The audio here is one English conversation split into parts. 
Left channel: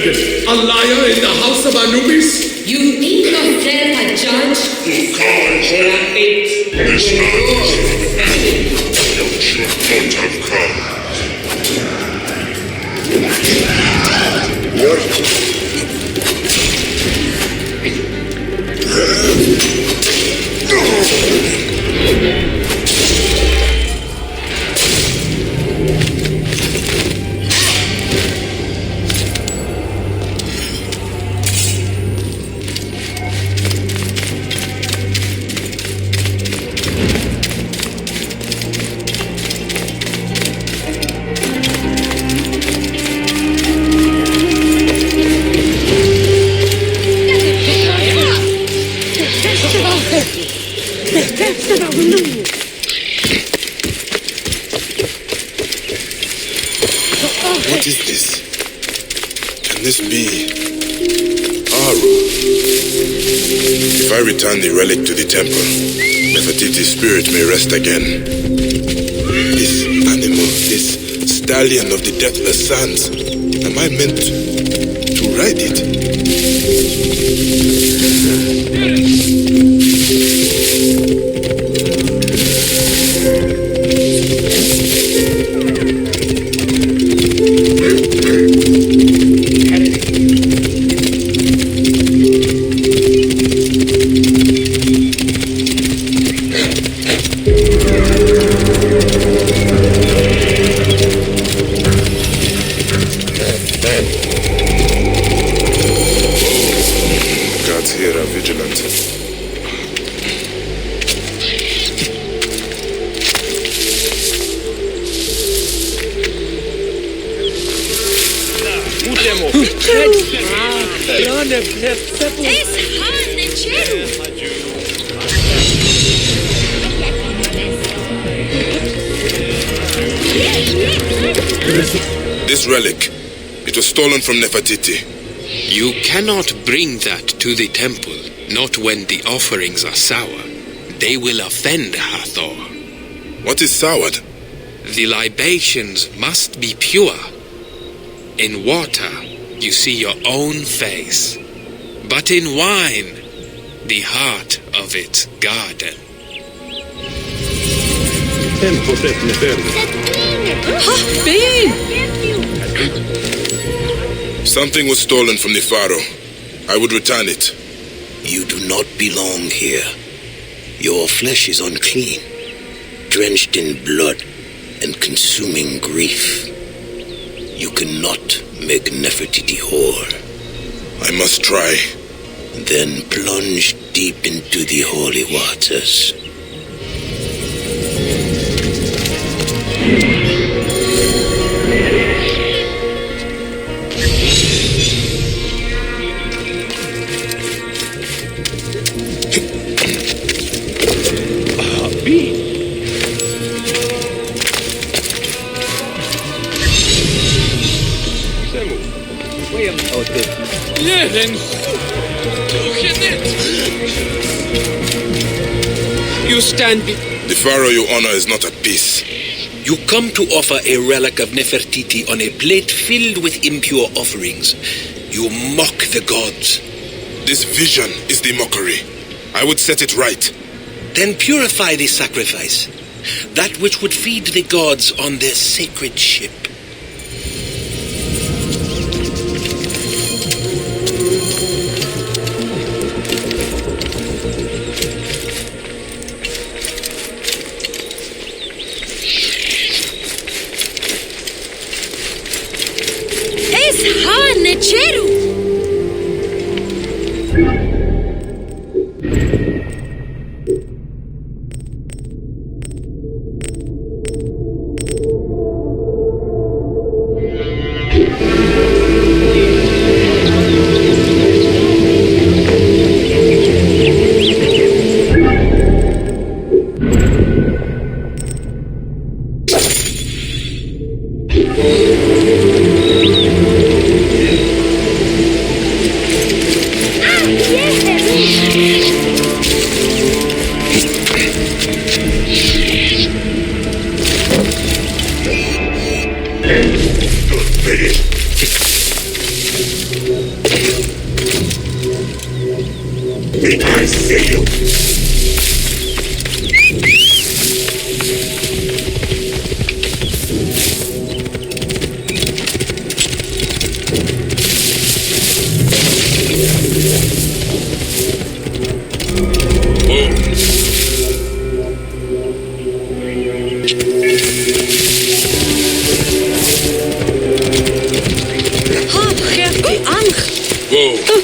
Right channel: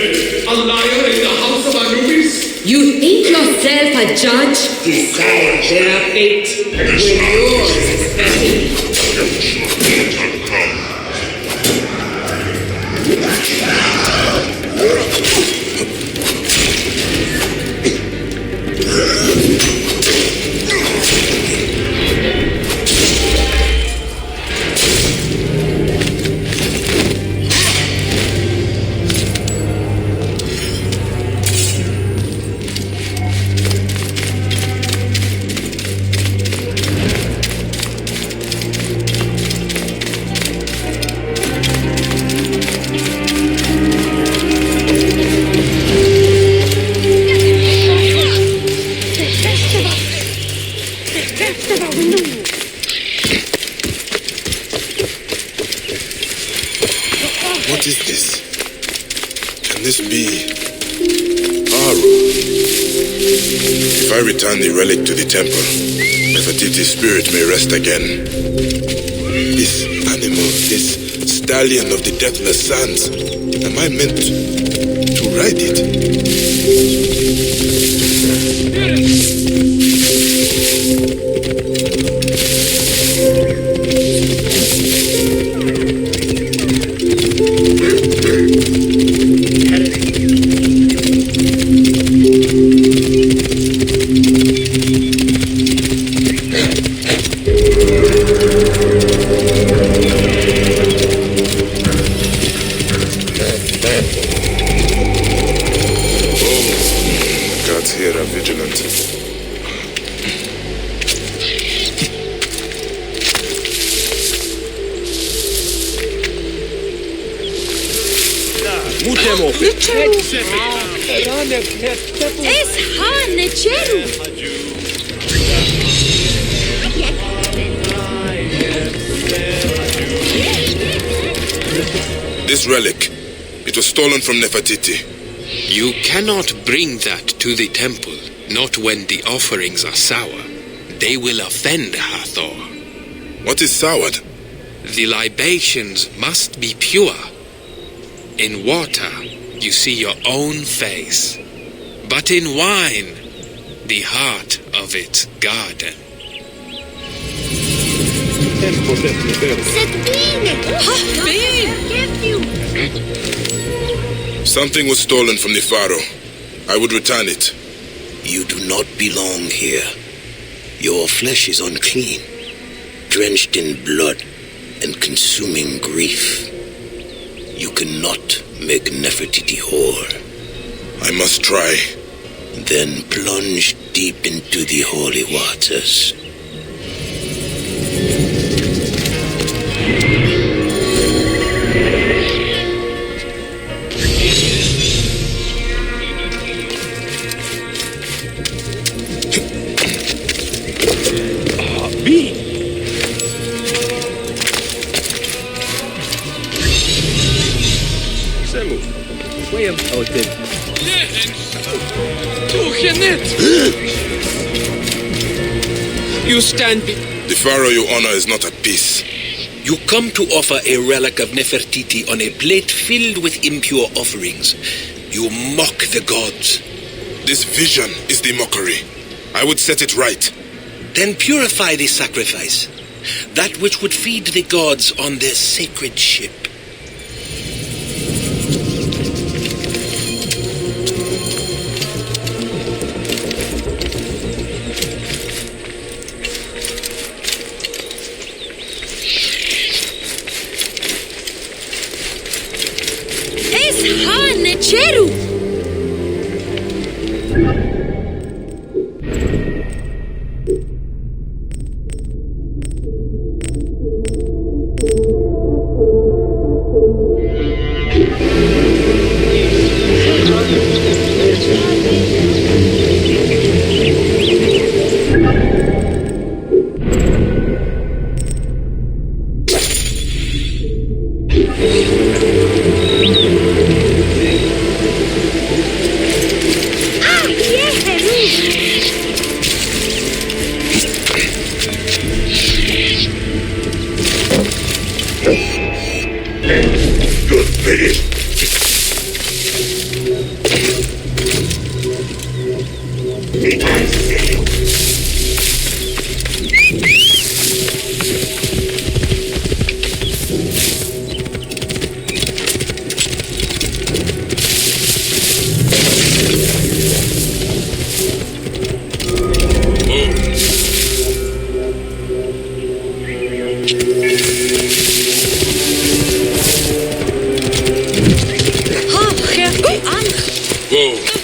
dragon, a liar in the house of Anubis? You think yourself a judge? Your cause is What is this? Can this be Aru? If I return the relic to the temple, Nefertiti's spirit may rest again. This animal, this stallion of the deathless sands, am I meant to ride it? Gods here are vigilant. This relic, it was stolen from Nefertiti. You cannot bring that to the temple, not when the offerings are sour. They will offend Hathor. What is soured? The libations must be pure. In water, you see your own face. But in wine, the heart of its garden. Something was stolen from the pharaoh. I would return it. You do not belong here. Your flesh is unclean, drenched in blood and consuming grief. You cannot make Nefertiti whore. I must try. Then plunge deep into the holy waters. You stand The pharaoh you honor is not at peace. You come to offer a relic of Nefertiti on a plate filled with impure offerings. You mock the gods. This vision is the mockery. I would set it right. Then purify the sacrifice, that which would feed the gods on their sacred ship. Whoa.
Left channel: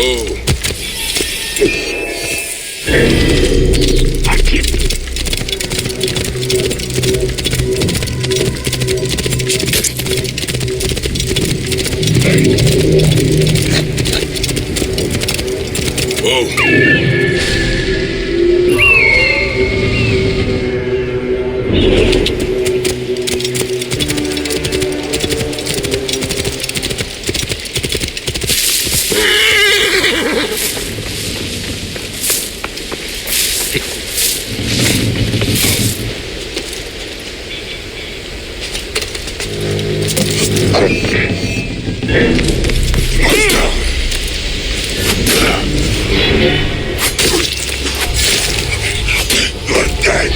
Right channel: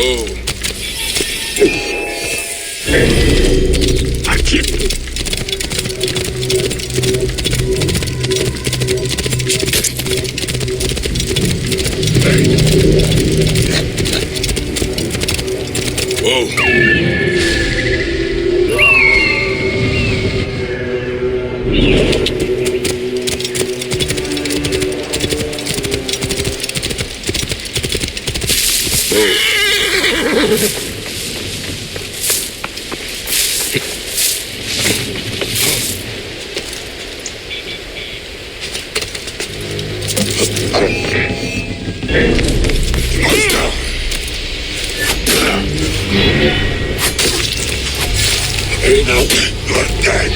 Whoa. You're dead!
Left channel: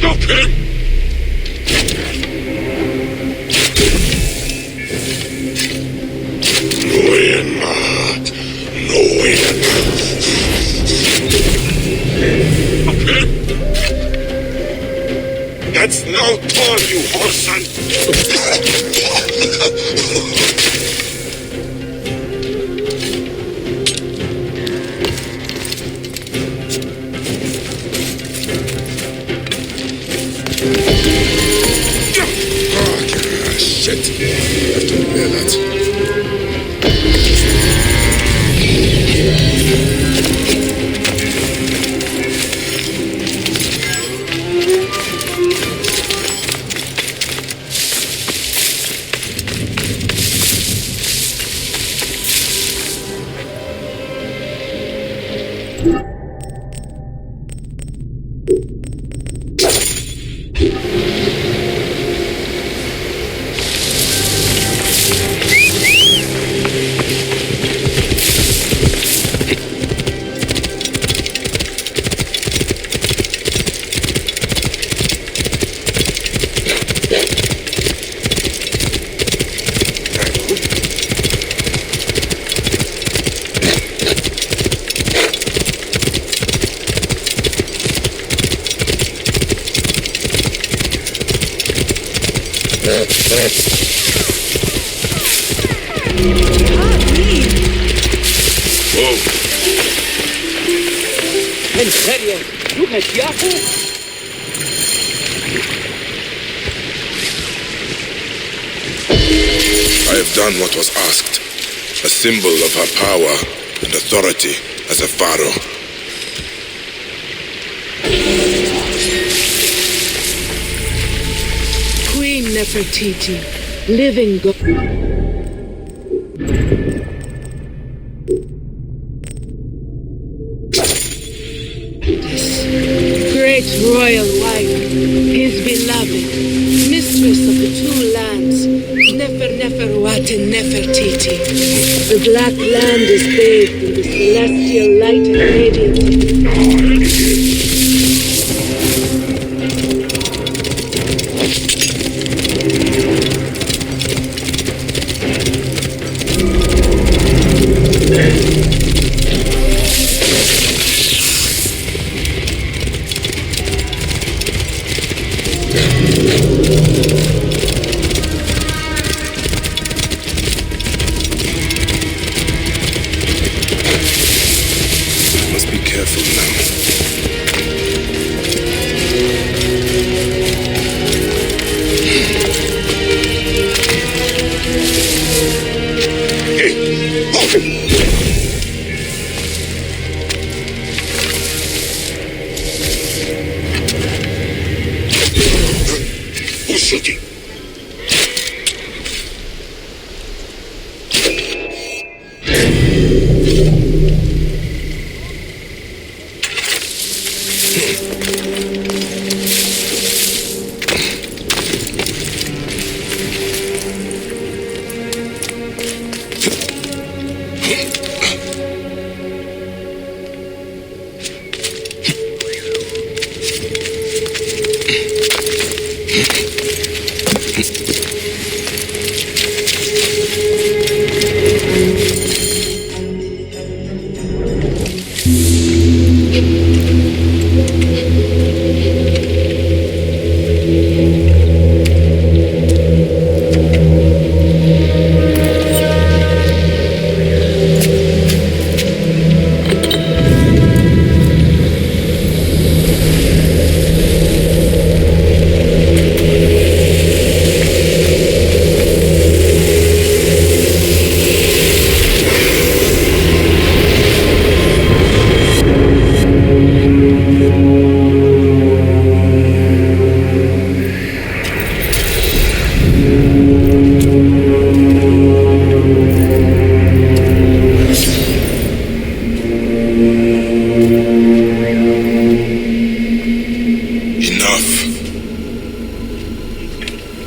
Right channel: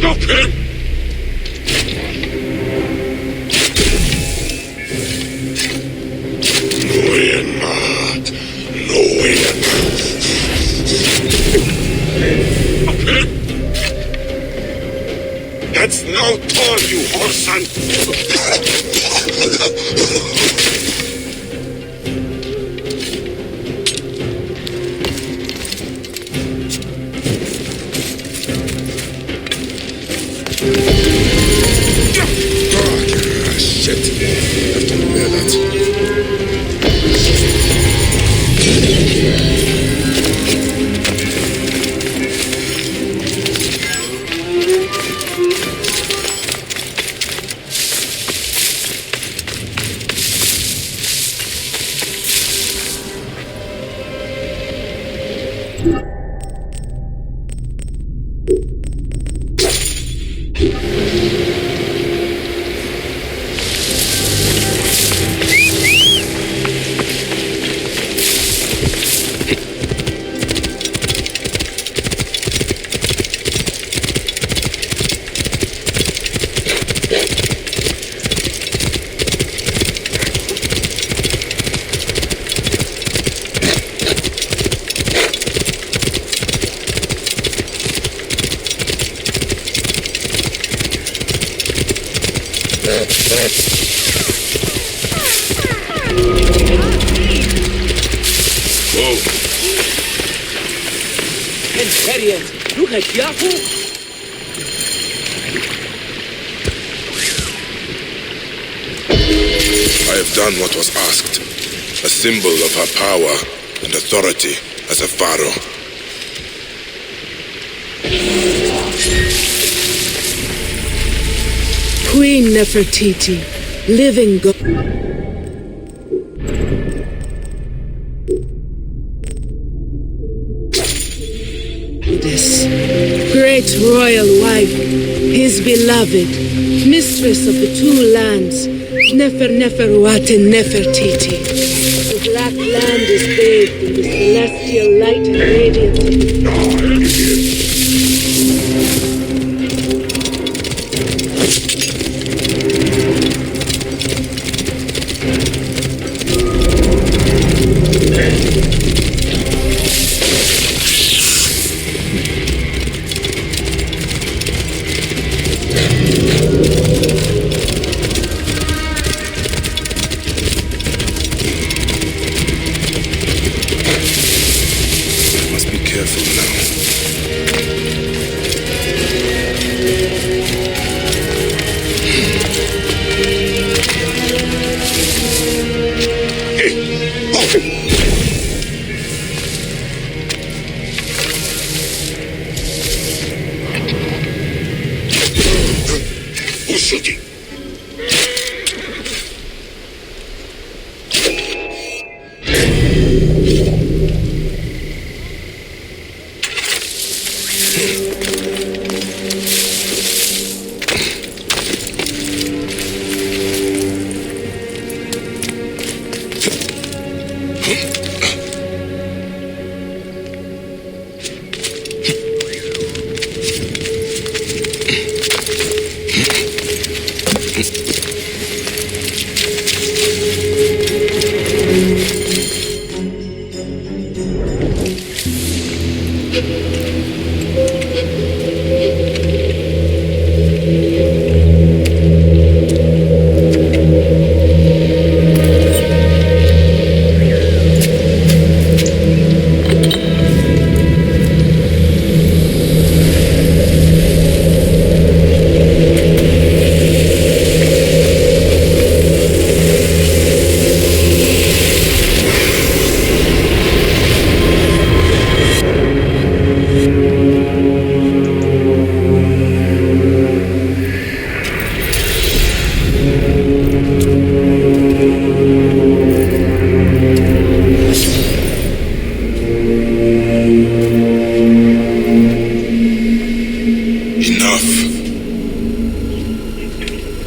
Stop him! That's no turn, you whoreson! Shit. I have to repair that. I have done what was asked, a symbol of her power and authority as a pharaoh. Queen Nefertiti, living God. This great royal wife, his beloved, mistress of the two lands, Neferuat and Nefertiti. The black land is bathed in the celestial light and radiance of the sun. Who's shooting?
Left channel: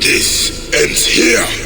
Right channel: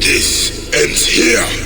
This ends here.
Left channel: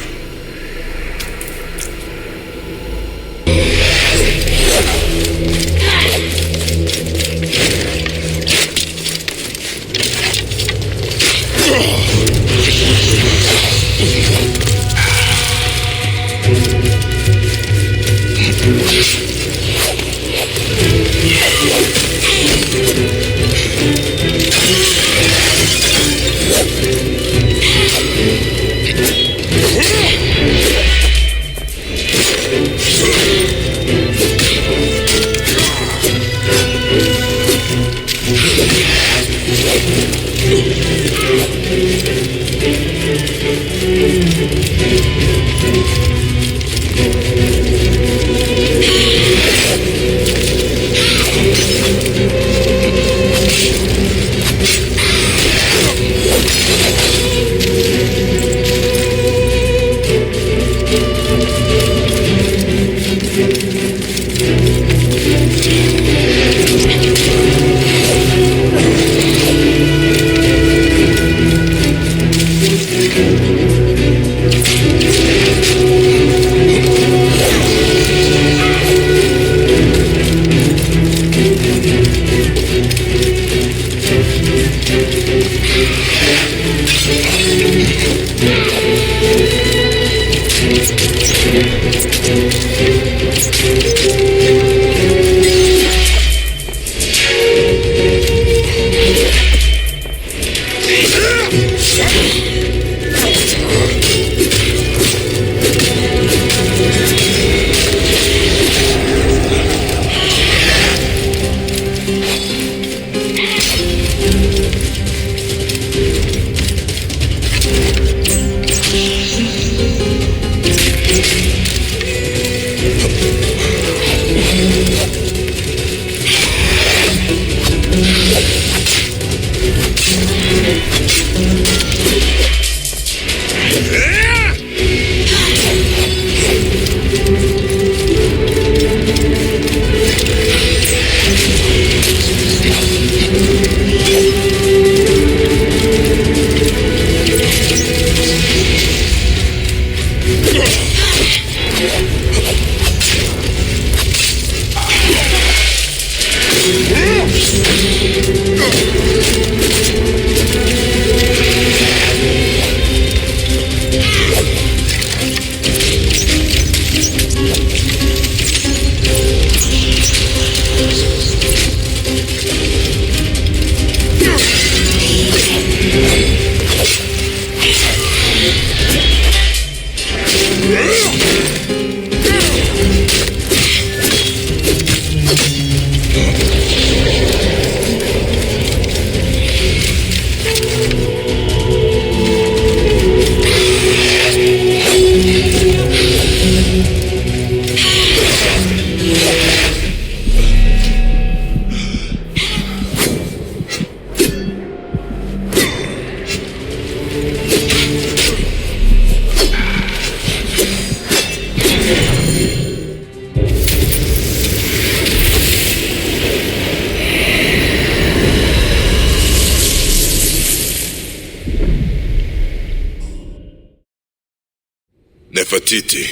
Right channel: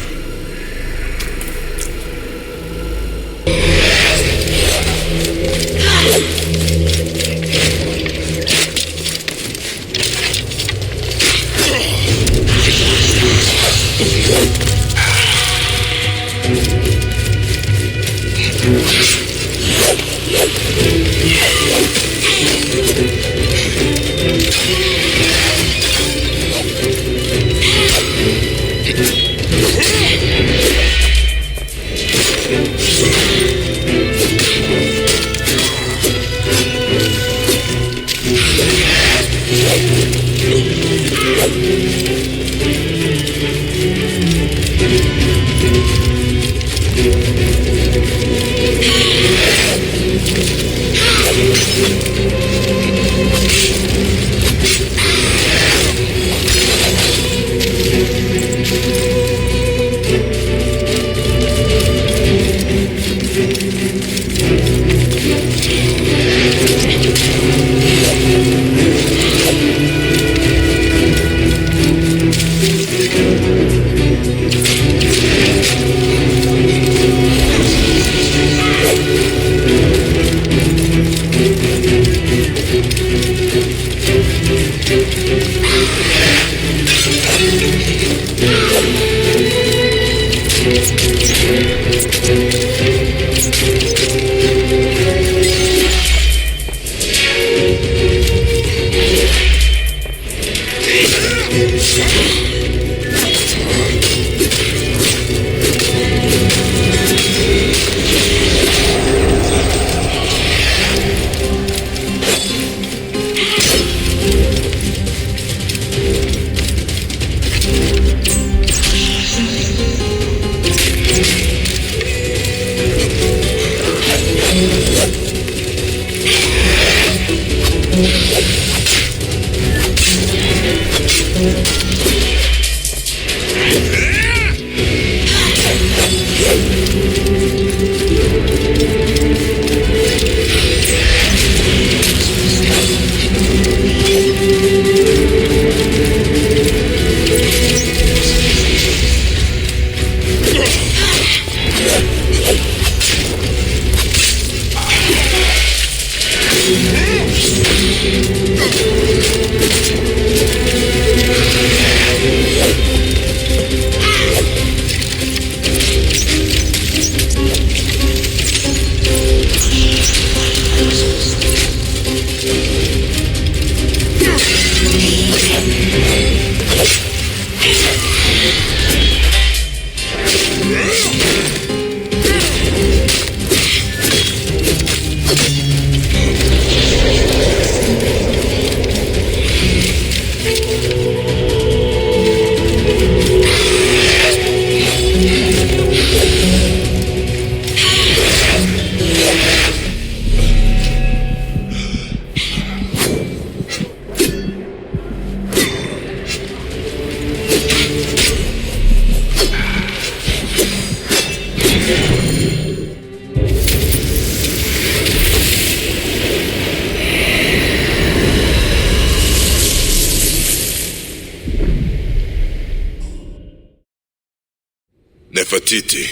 Nefertiti.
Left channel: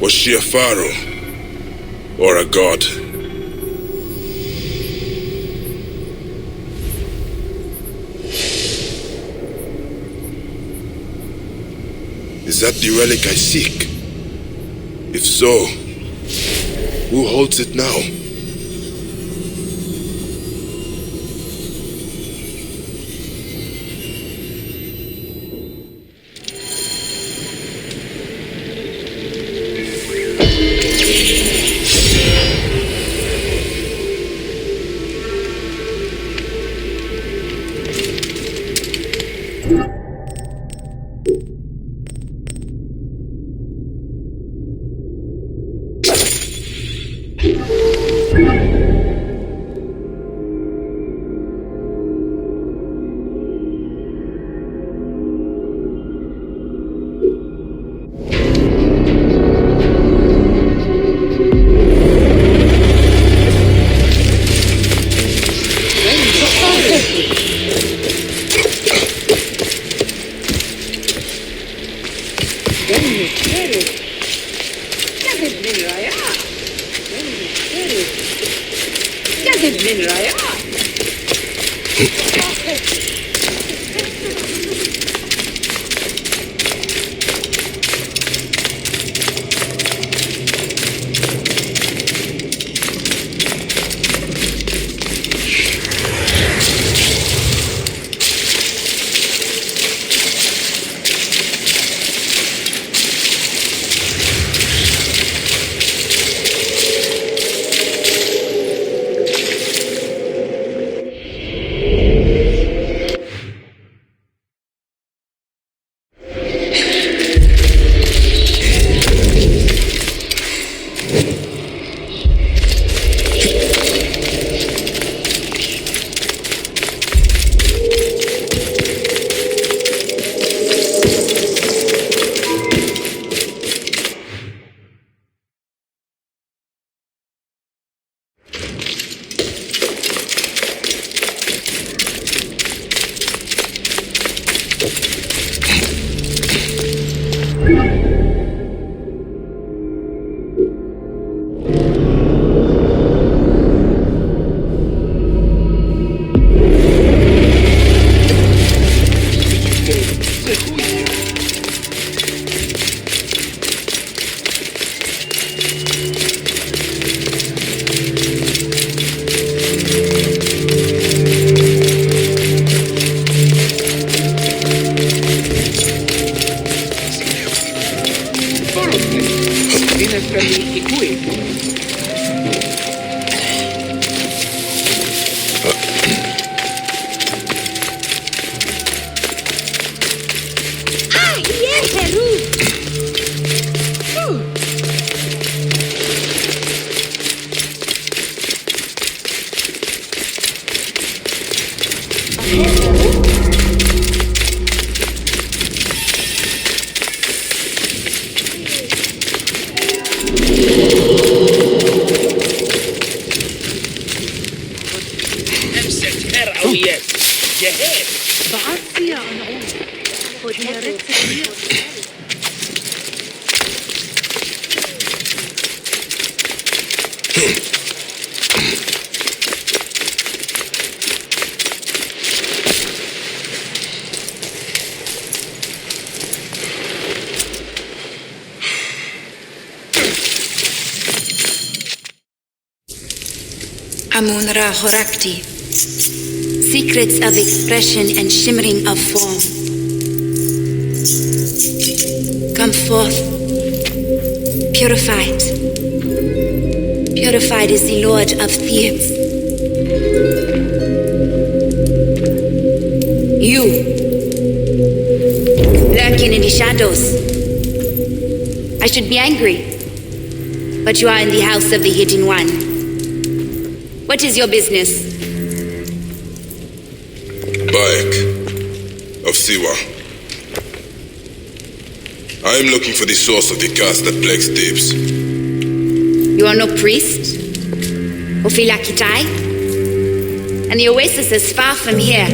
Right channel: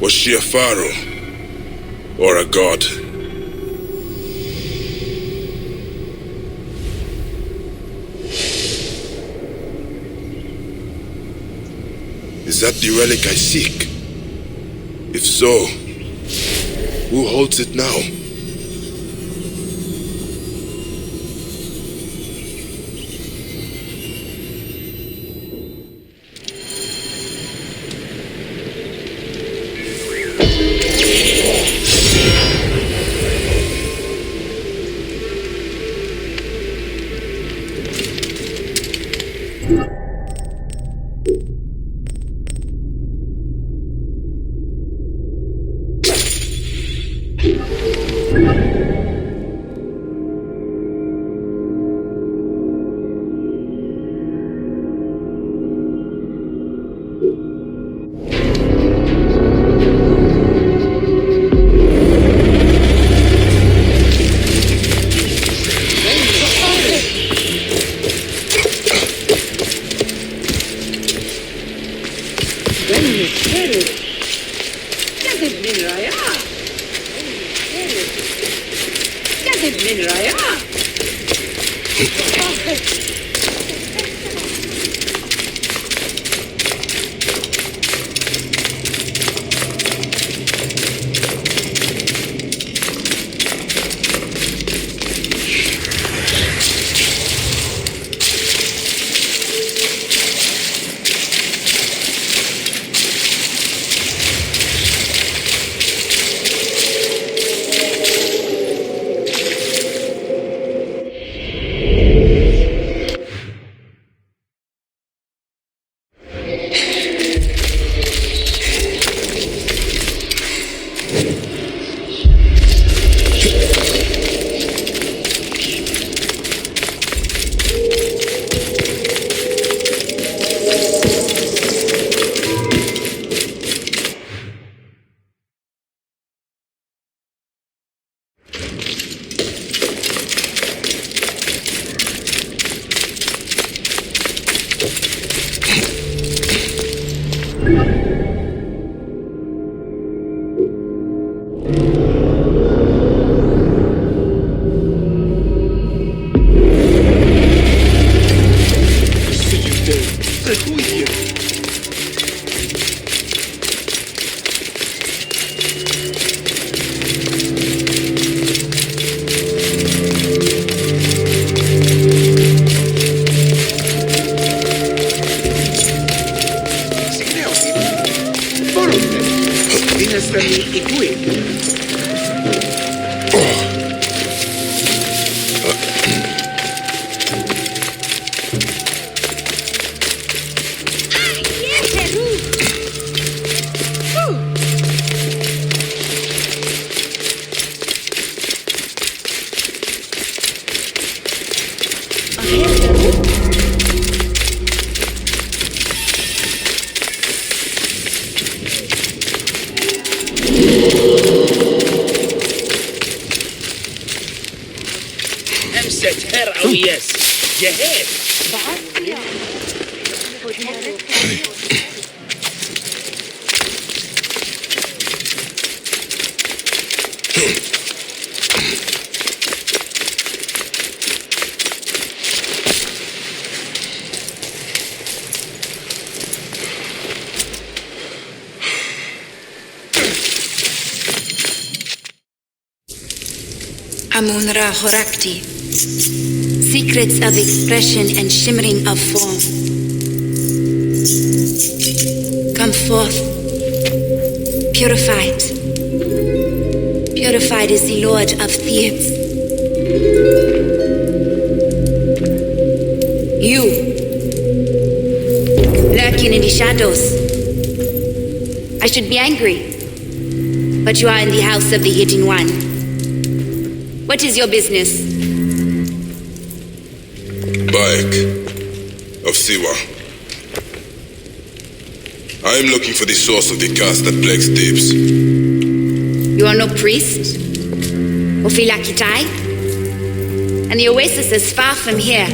Was she a pharaoh or a god? Is that the relic I seek? If so, who holds it now? Amun-Ra Horakti. Secrets of expression and shimmering of form. Come forth, purified. Purified is the Lord of Thebes. You, lurking in the shadows. I should be angry, but you are in the house of the Hidden One. What is your business? Bayek of Siwa. I am looking for the source of the curse that plagues Thebes. You are no priest? Ophilakitai? And the oasis is far from here.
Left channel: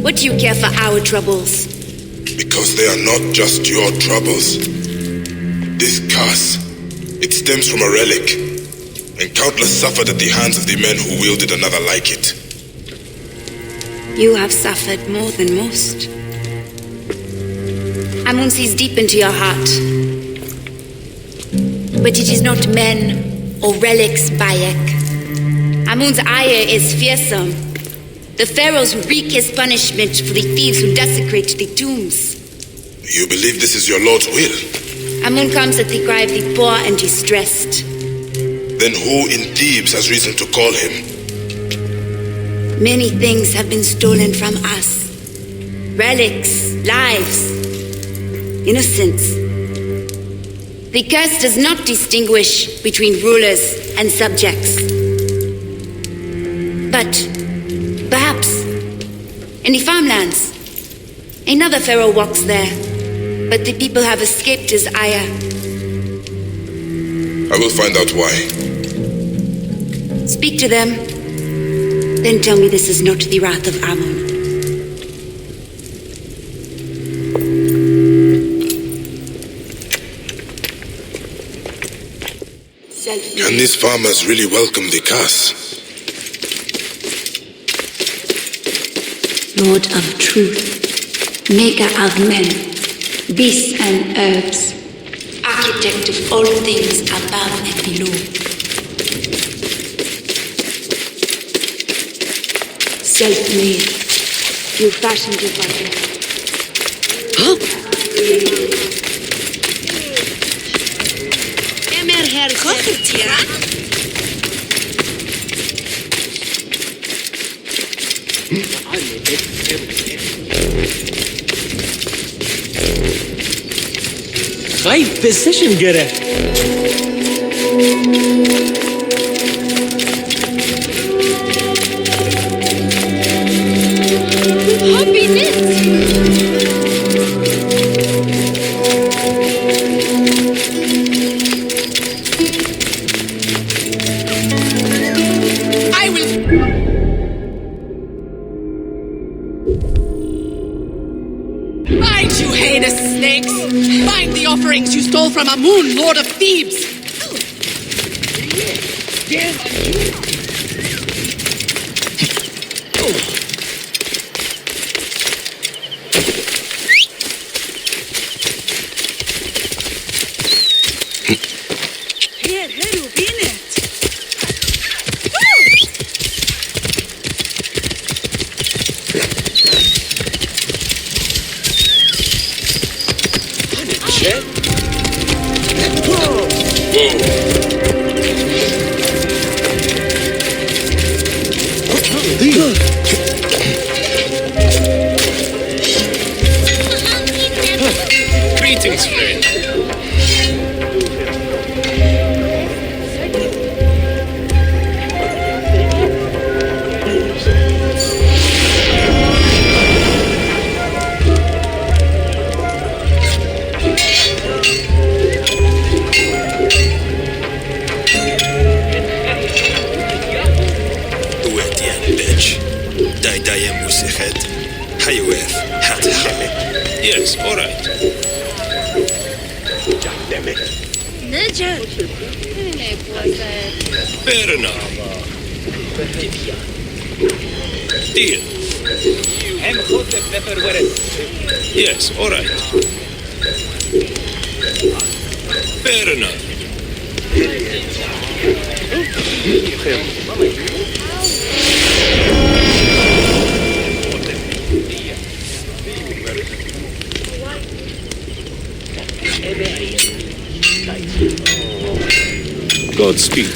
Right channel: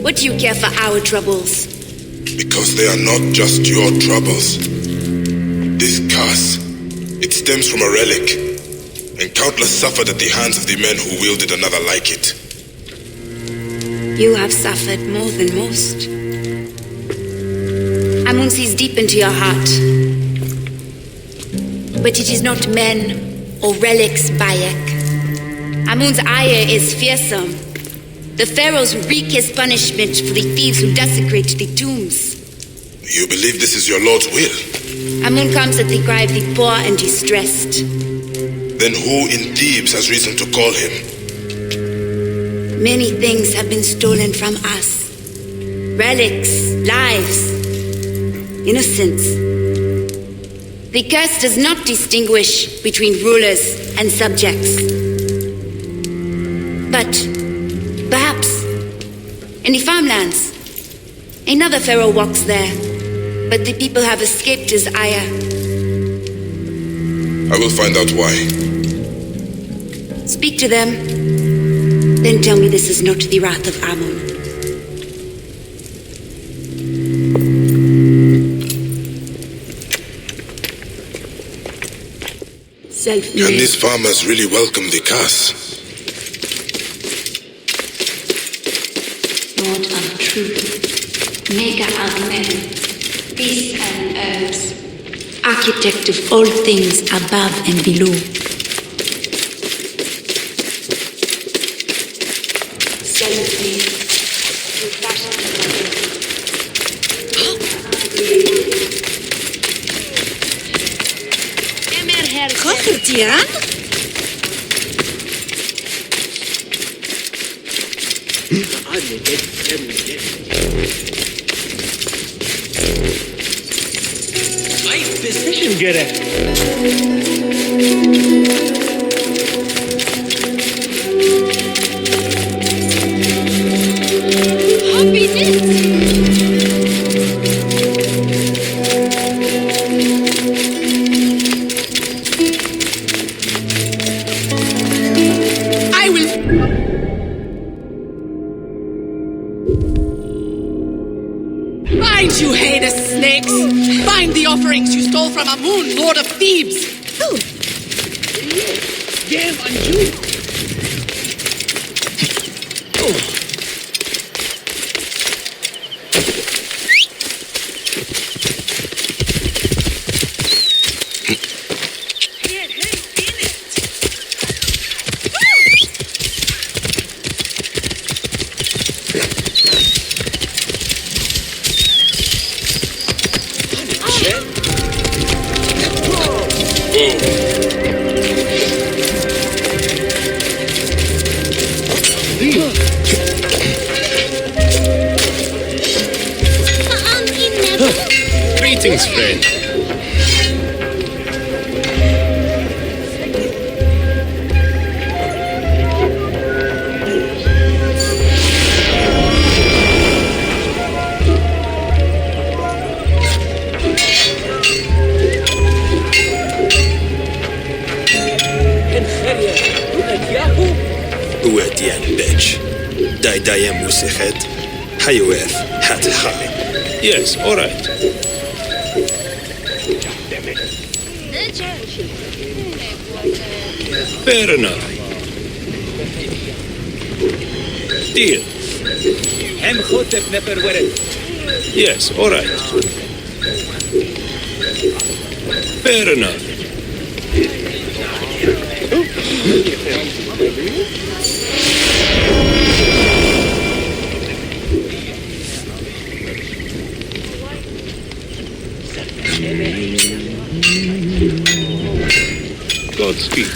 What do you care for our troubles? Because they are not just your troubles. This curse, it stems from a relic, and countless suffered at the hands of the men who wielded another like it. You have suffered more than most. Amun sees deep into your heart. But it is not men or relics, Bayek. Amun's ire is fearsome. The pharaohs wreak his punishment for the thieves who desecrate the tombs. You believe this is your Lord's will? Amun comes at the cry of the poor and distressed. Then who in Thebes has reason to call him? Many things have been stolen from us. Relics, lives, innocence. The curse does not distinguish between rulers and subjects. But perhaps in the farmlands, another pharaoh walks there, but the people have escaped his ire. I will find out why. Speak to them, then tell me this is not the wrath of Amun. Can these farmers really welcome the curse? Lord of truth, maker of men, beasts and herbs, architect of all things above and below. Self-made, you fashioned your body. Kochen, Tian? Vay position göre. Happy knit. I will... Find you heinous snakes! Find the offerings you stole from Amun, Lord of Thebes! Greetings, friend. Uetian bitch. Daidaya musichet. Hayuef hat ha. Yes, all right. Fair enough. Deal. Yes, all right. Fair enough. Godspeed.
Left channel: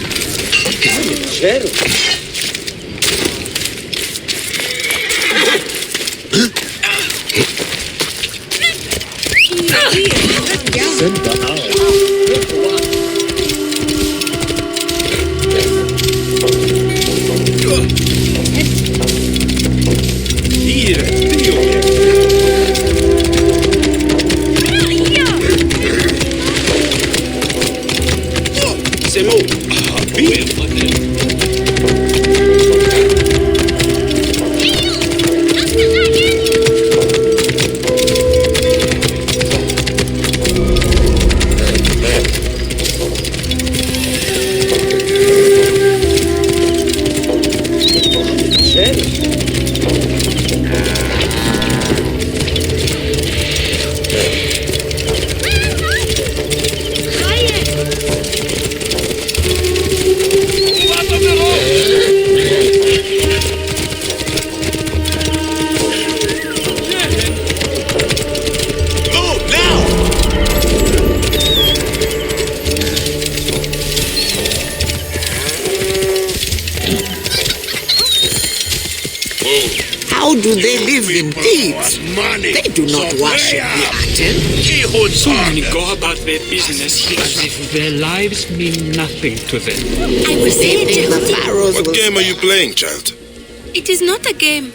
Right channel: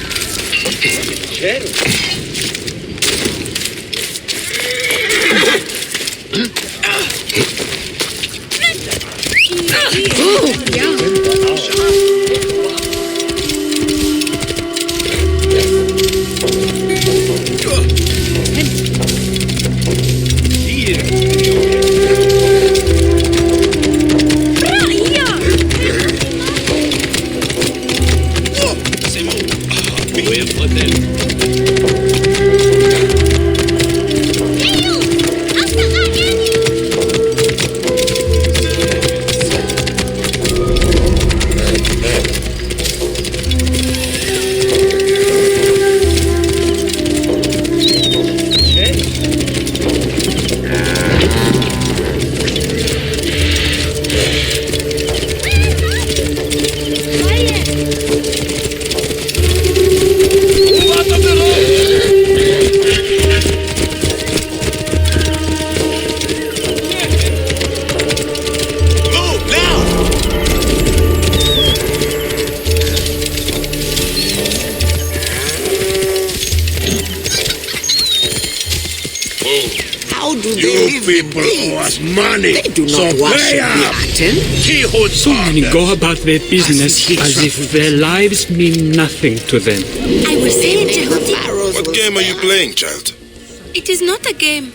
How do they live in peace? They do not worship the Aten. So many go about their business as if their lives mean nothing to them. I will say it, The Jaydip. pharaohs What will game are you playing, child? It is not a game.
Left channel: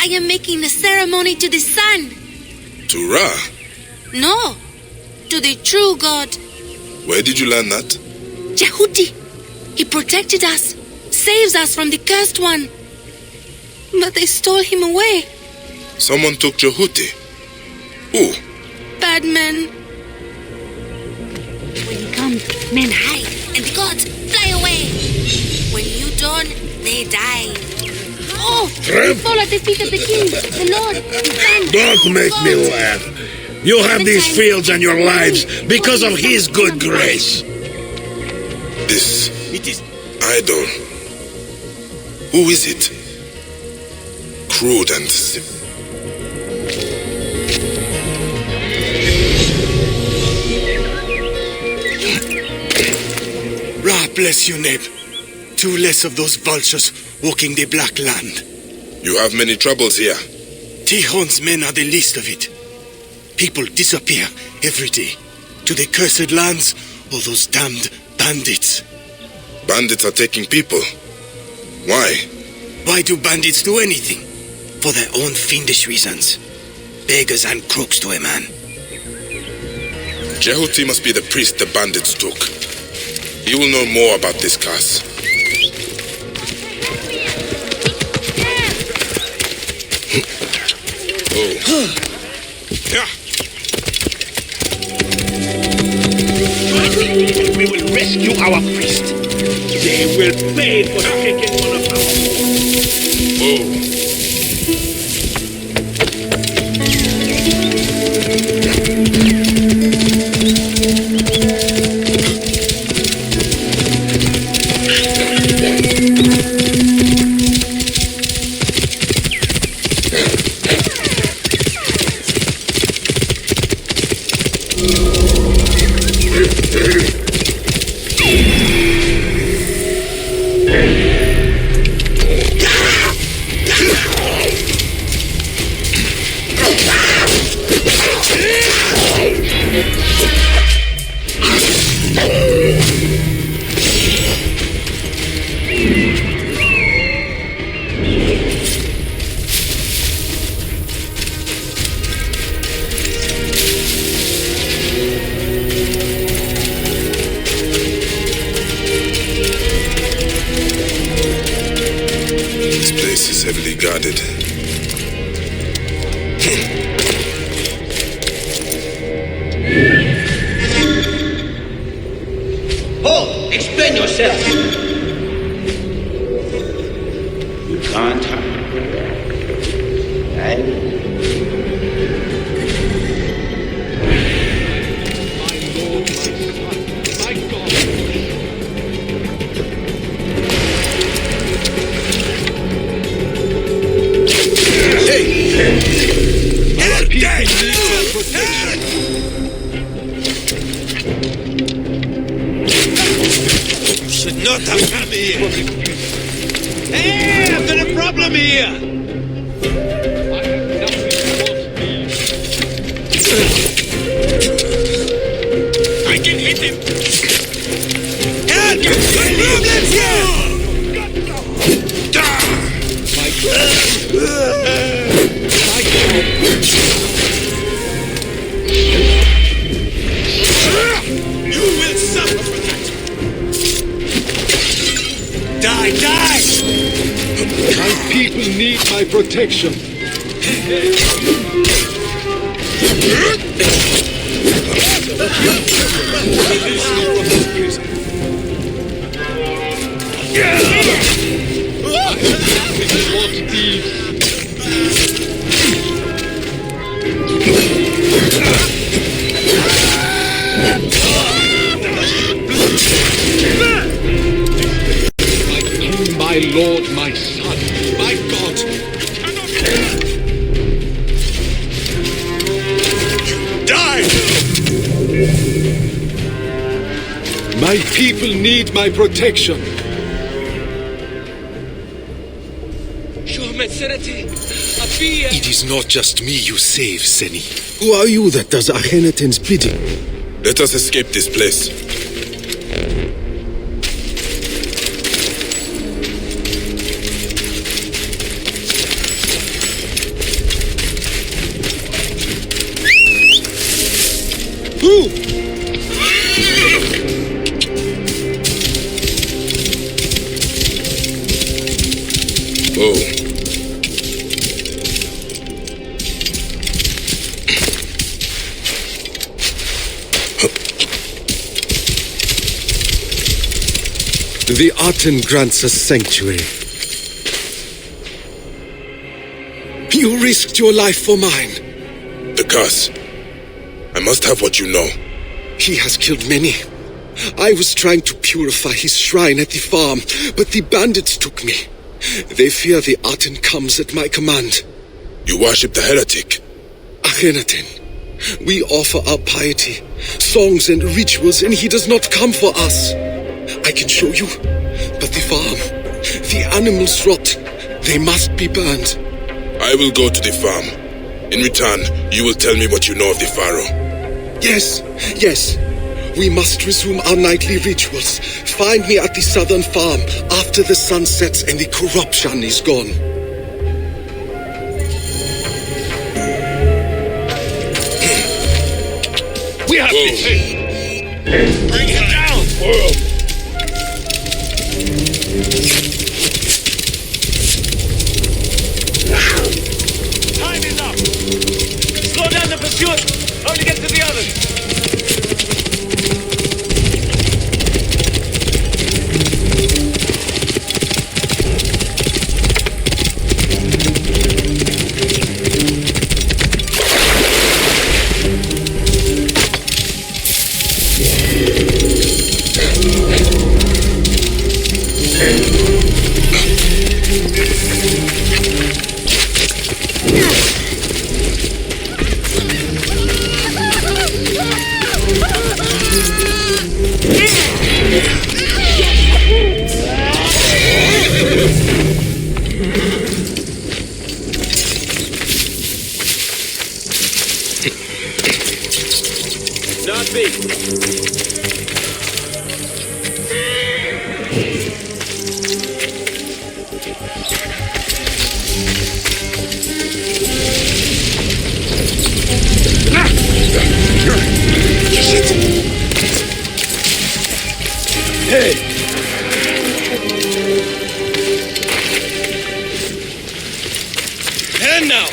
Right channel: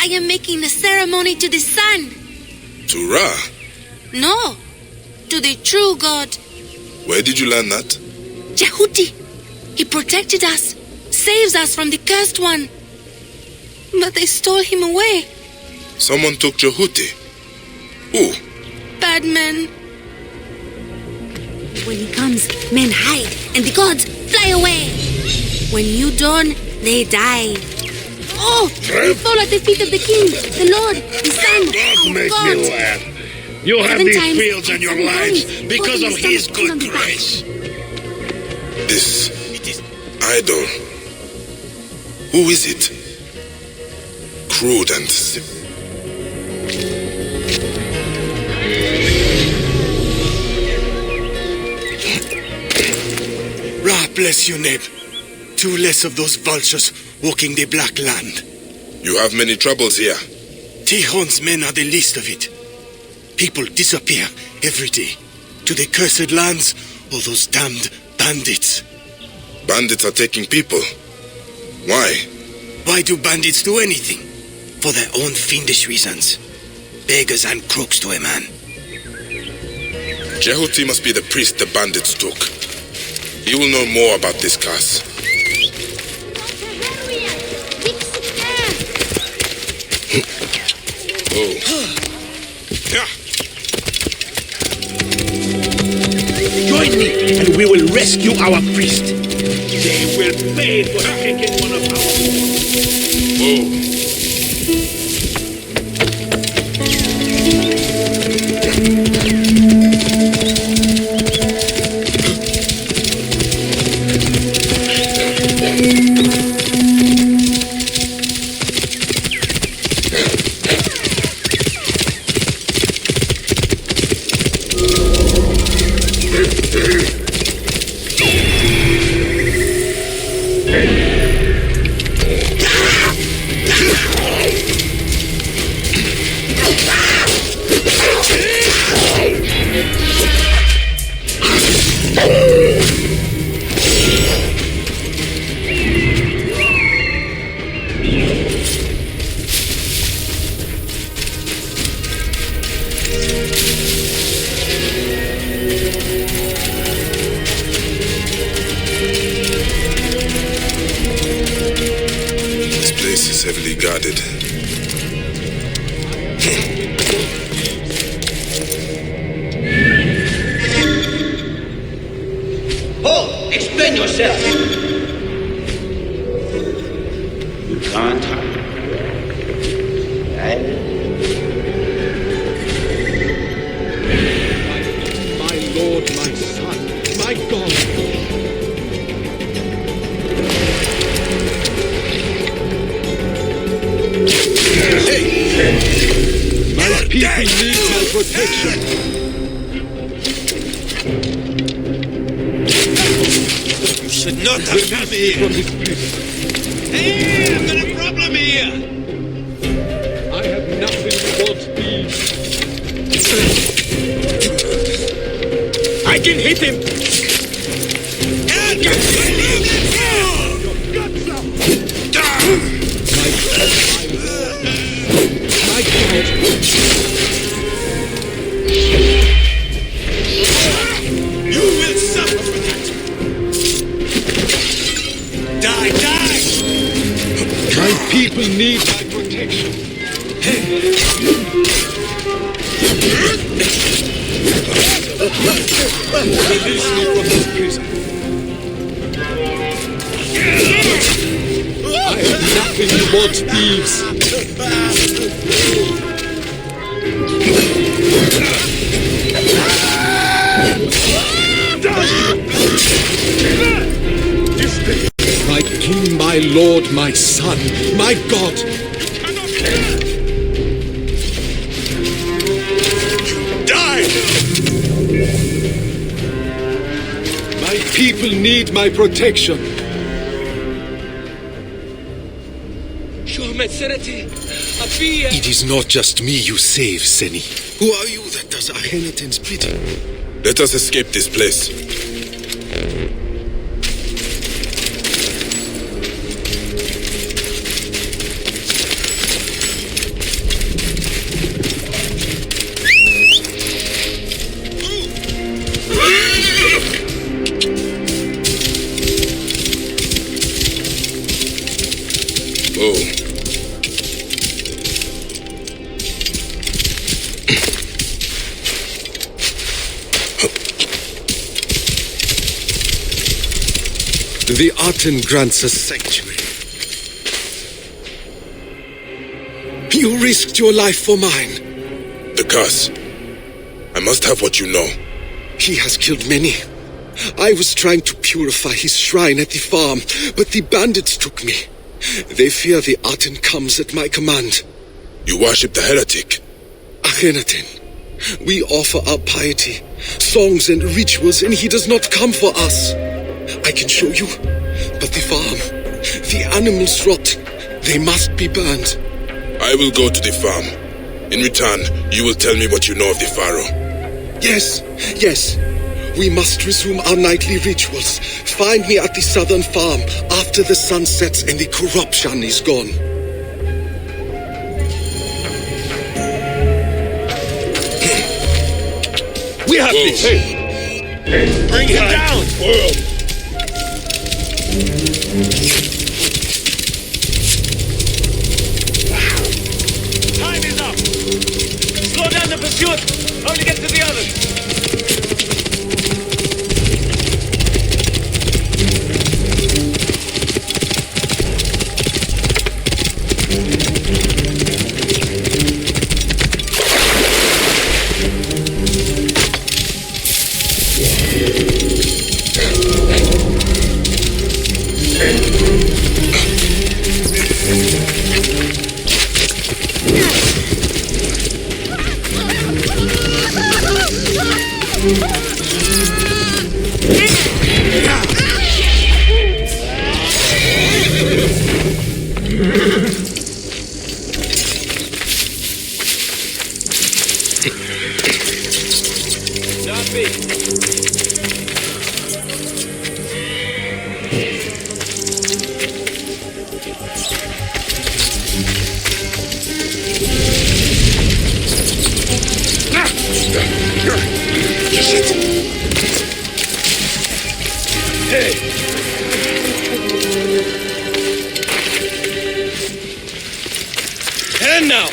I am making a ceremony to the sun. To Ra? No, to the true God. Where did you learn that? Jehuti. He protected us, saves us from the cursed one. But they stole him away. Someone took Jehuti. Who? Bad men. Comes, men hide, and the gods fly away. When you dawn, they die. Oh, fall at the feet of the king, the Lord, the Son, Don't make God. me laugh. You have 7 these times. fields and your lives because of his good grace. This It is idol. Who is it? Crude and Ra bless you, Neb. 2 less of those vultures walking the Black Land. You have many troubles here. Tihon's men are the least of it. People disappear every day. To the cursed lands, all those damned bandits. Bandits are taking people. Why? Why do bandits do anything? For their own fiendish reasons. Beggars and crooks to a man. Jehuti must be the priest the bandits took. He will know more about this curse. Oh. Yeah. join me and we will rescue our priest. They will pay for taking one of our own. Oh. This place is heavily guarded. yourself. You can't hide. You should not have come here. Hey, I've got a problem here. I can hit him. You will suffer for that. Die, die! People need my protection. Release me from this prison. I have nothing but thieves. My king, my lord, my son, my God. Die! My people need my protection. Your Majesty, Abia. It is not just me you save, Seni. Who are you that does Akhenaten's bidding? Let us escape this place. Oh. The Aten grants us sanctuary. You risked your life for mine. The curse. I must have what you know. He has killed many. I was trying to purify his shrine at the farm, but the bandits took me. They fear the Aten comes at my command. You worship the heretic? Akhenaten. We offer our piety, songs and rituals, and he does not come for us. I can show you, but the farm, the animals rot. They must be burned. I will go to the farm. In return, you will tell me what you know of the pharaoh. Yes, yes. We must resume our nightly rituals. Find me at the southern farm after the sun sets and the corruption is gone. Whoa. Bring him down! Time is up. Slow down the pursuit. Only get to the others. And now!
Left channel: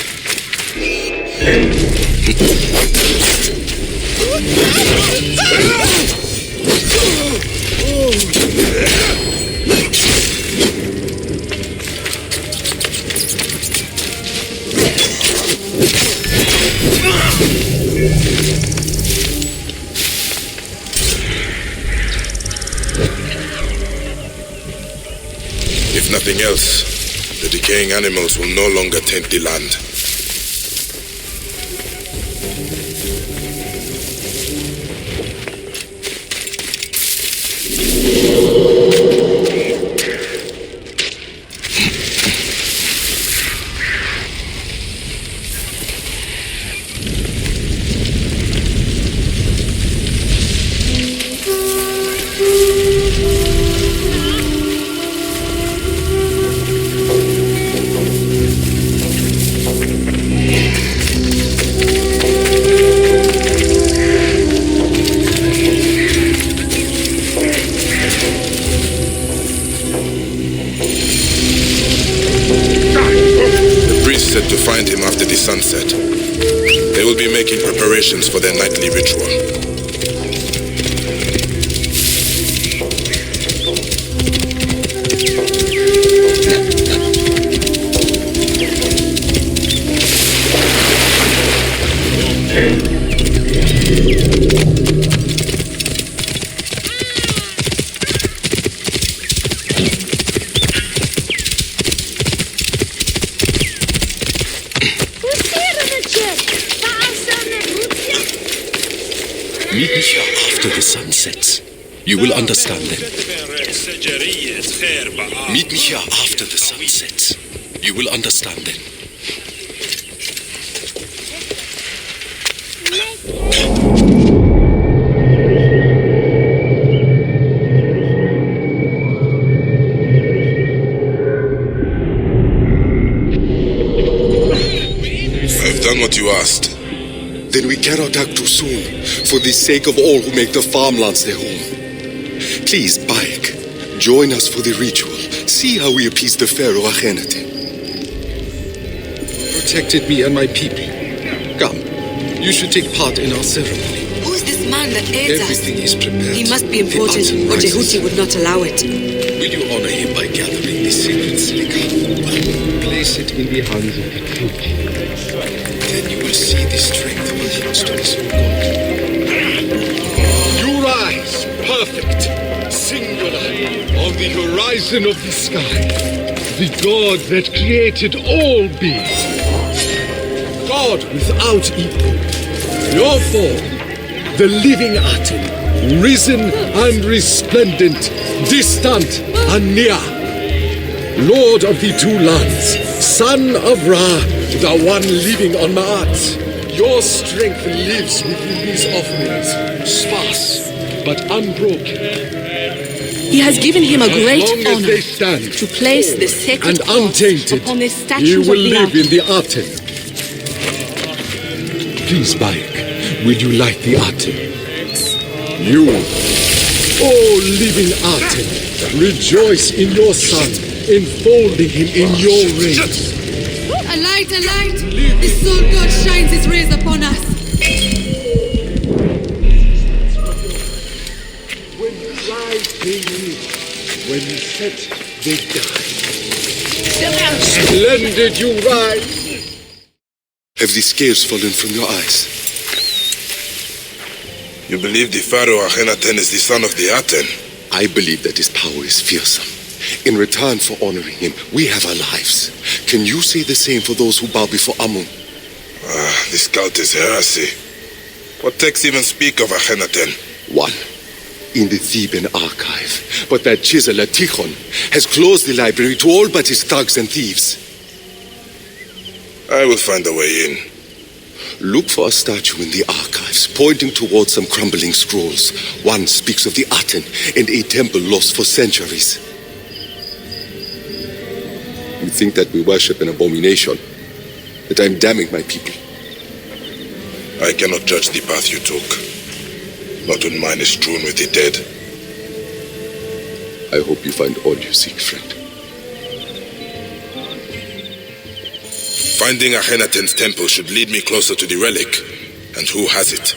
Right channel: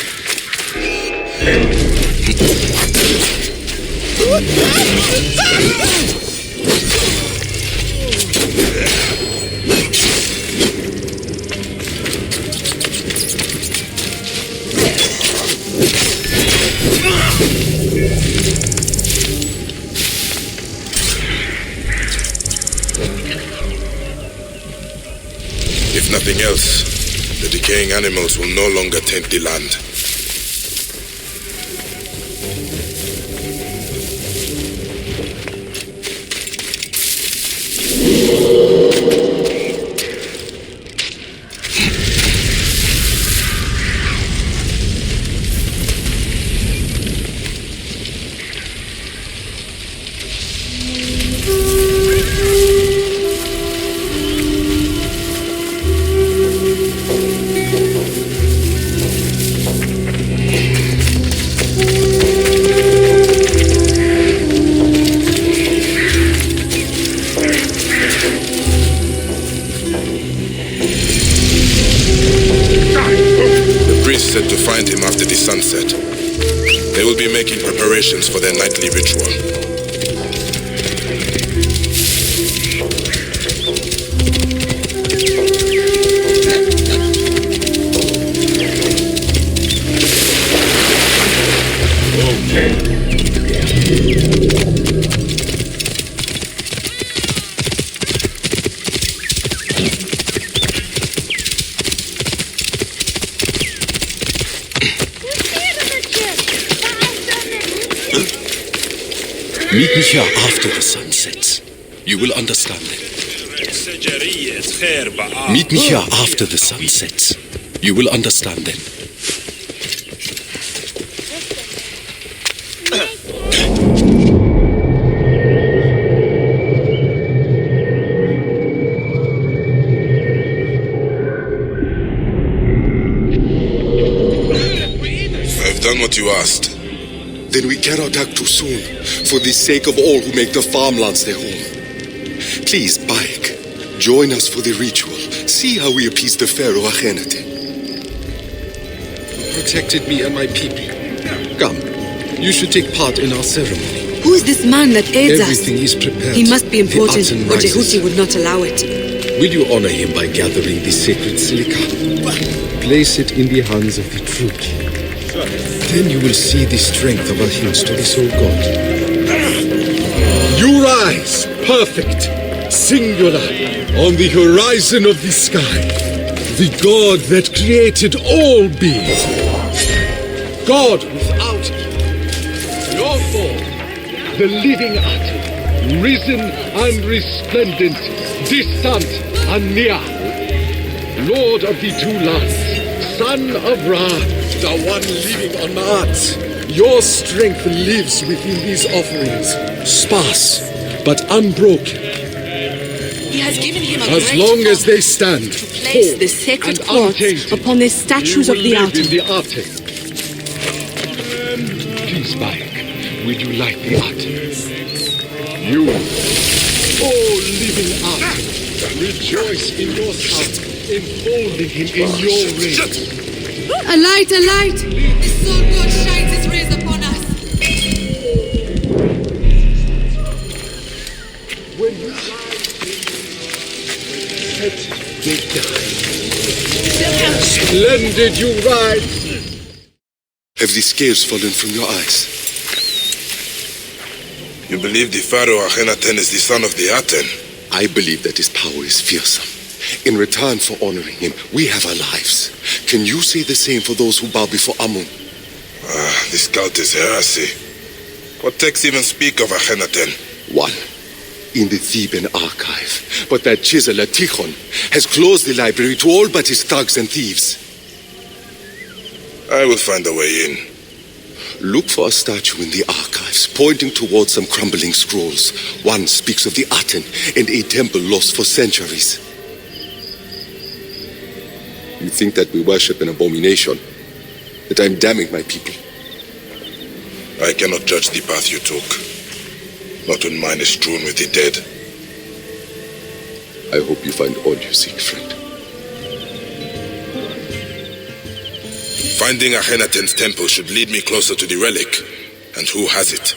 If nothing else, the decaying animals will no longer taint the land. Said to find him after the sunset. They will be making preparations for their nightly ritual. After the sun sets, you will understand then. Meet me here after the sun sets. You will understand then. I've done what you asked. Then we cannot act too soon, for the sake of all who make the farmlands their home. Please, Bayek, join us for the ritual. See how we appease the pharaoh Akhenaten. You protected me and my people. Come, you should take part in our ceremony. Who is this man that aids us? Everything is prepared. He must be important, or Jehuti would not allow it. Will you honor him by gathering the sacred silica? Place it in the hands of the church. Then you will see the strength of our hymns to the soul God. You rise, perfect, singular, on the horizon of the sky. The God that created all beings. God without equal. Your form, the living atom, risen and resplendent, distant and near. Lord of the two lands, son of Ra, the one living on Ma'at. Your strength lives within these offerings, sparse but unbroken. He has given him a great honor to place the sacred quartz upon the statues of the Aten. In the Aten. Please, Bayek, will you light the Aten? You, oh living Aten, rejoice in your son, enfolding him in your rays. A light, a light! The soul God shines his rays upon us. When you rise, they live. When you set, they die. Splendid you rise! Have the scales fallen from your eyes? You believe the pharaoh Akhenaten is the son of the Aten? I believe that his power is fearsome. In return for honoring him, we have our lives. Can you say the same for those who bow before Amun? This cult is heresy. What texts even speak of Akhenaten? One, in the Theban archive. But that chiseler Tikhon has closed the library to all but his thugs and thieves. I will find a way in. Look for a statue in the archives, pointing towards some crumbling scrolls. One speaks of the Aten and a temple lost for centuries. You think that we worship an abomination? That I'm damning my people? I cannot judge the path you took. Not when mine is strewn with the dead. I hope you find all you seek, friend. Finding Akhenaten's temple should lead me closer to the relic. And who has it?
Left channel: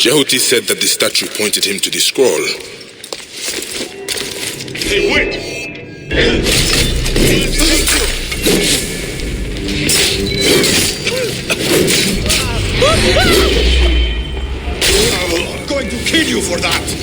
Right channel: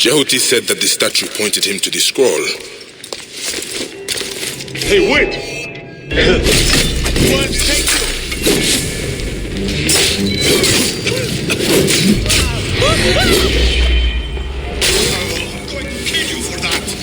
Jaydip said that the statue pointed him to the scroll. Hey, wait! I'm going to kill you for that!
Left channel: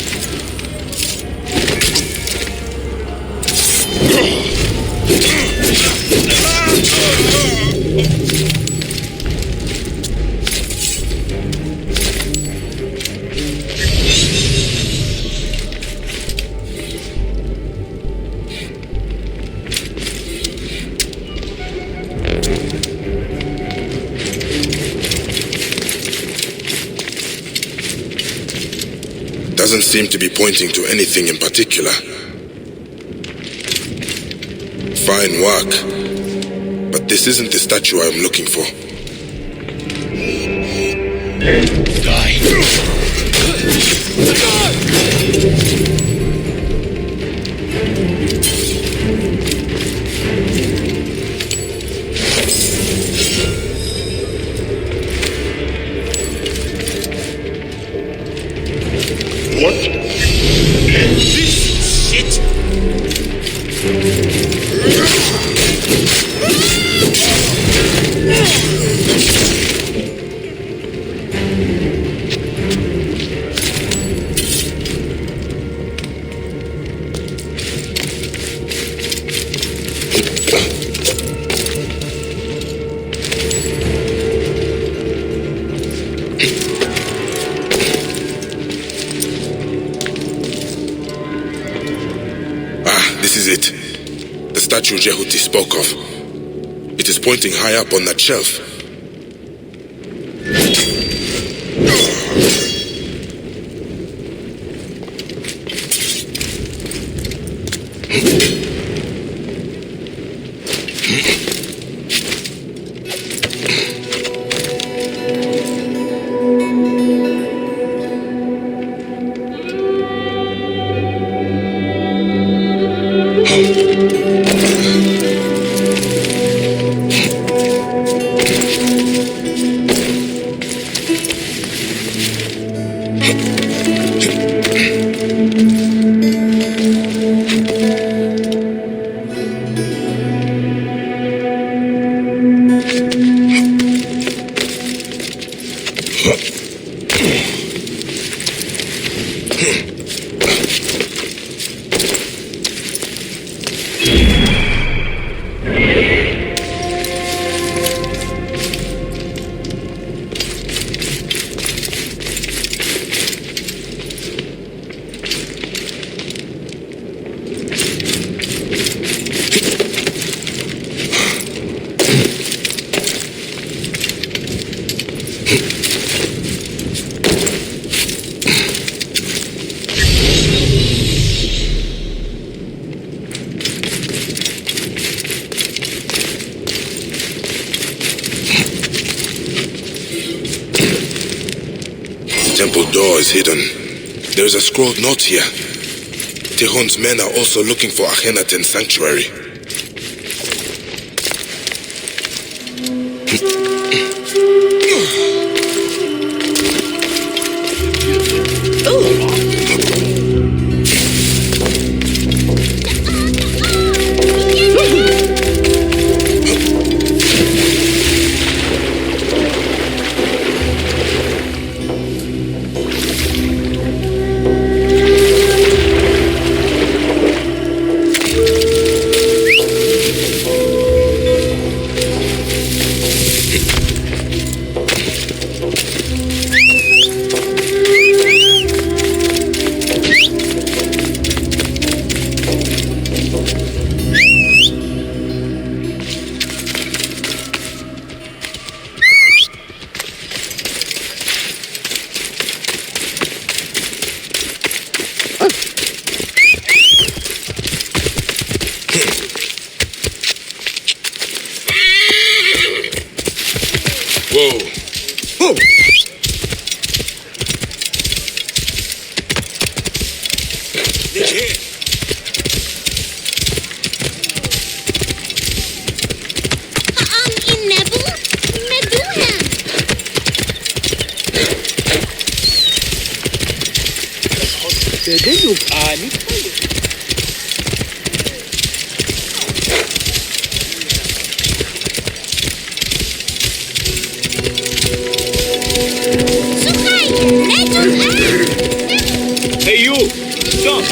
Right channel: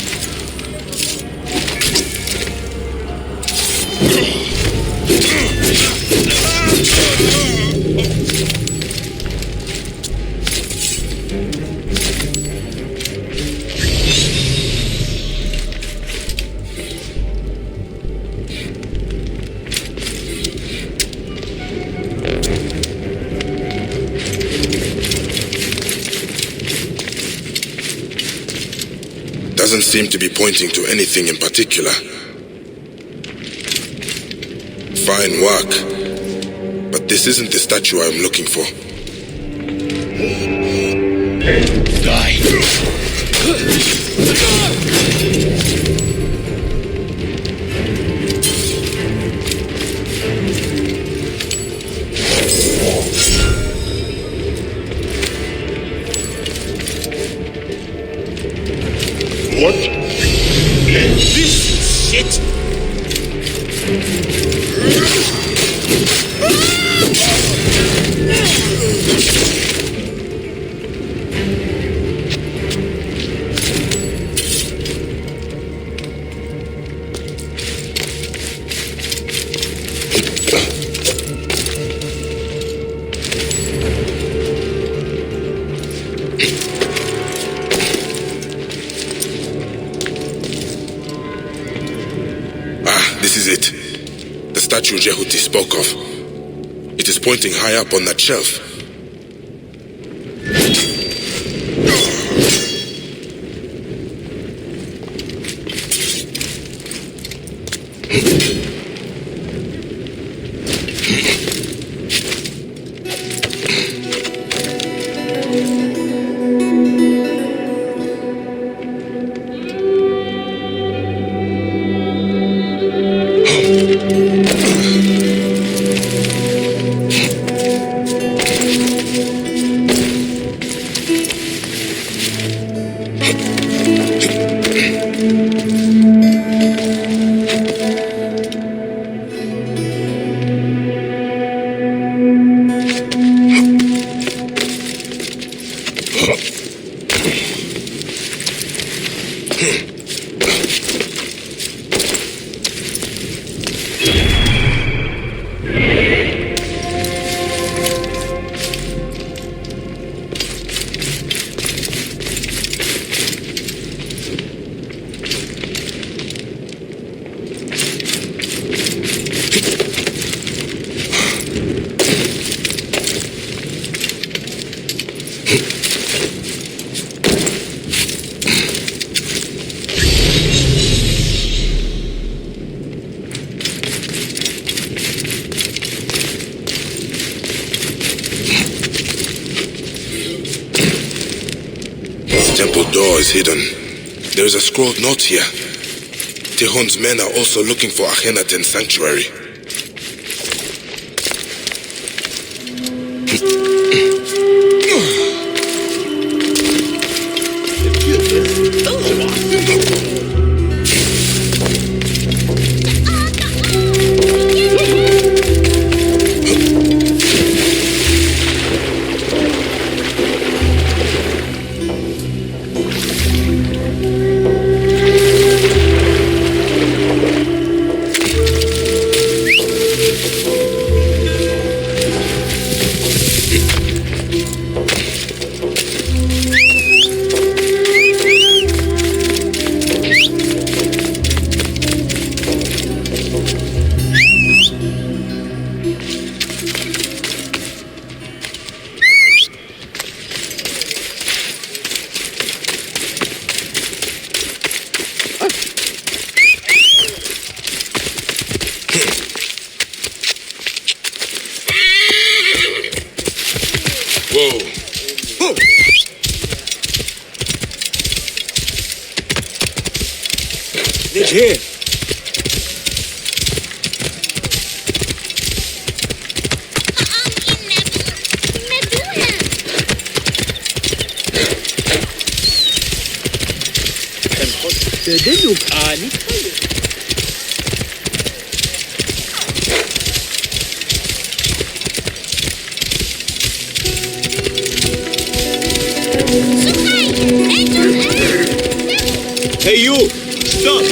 Doesn't seem to be pointing to anything in particular. Fine work, but this isn't the statue I'm looking for. Die! What? This is shit! This is it. The statue Jaydip spoke of. It is pointing high up on that shelf. Temple door is hidden. There is a scrawled note here. Tihon's men are also looking for Akhenaten's sanctuary. Whoa! Oh! Medjay! Hey, you! Stop!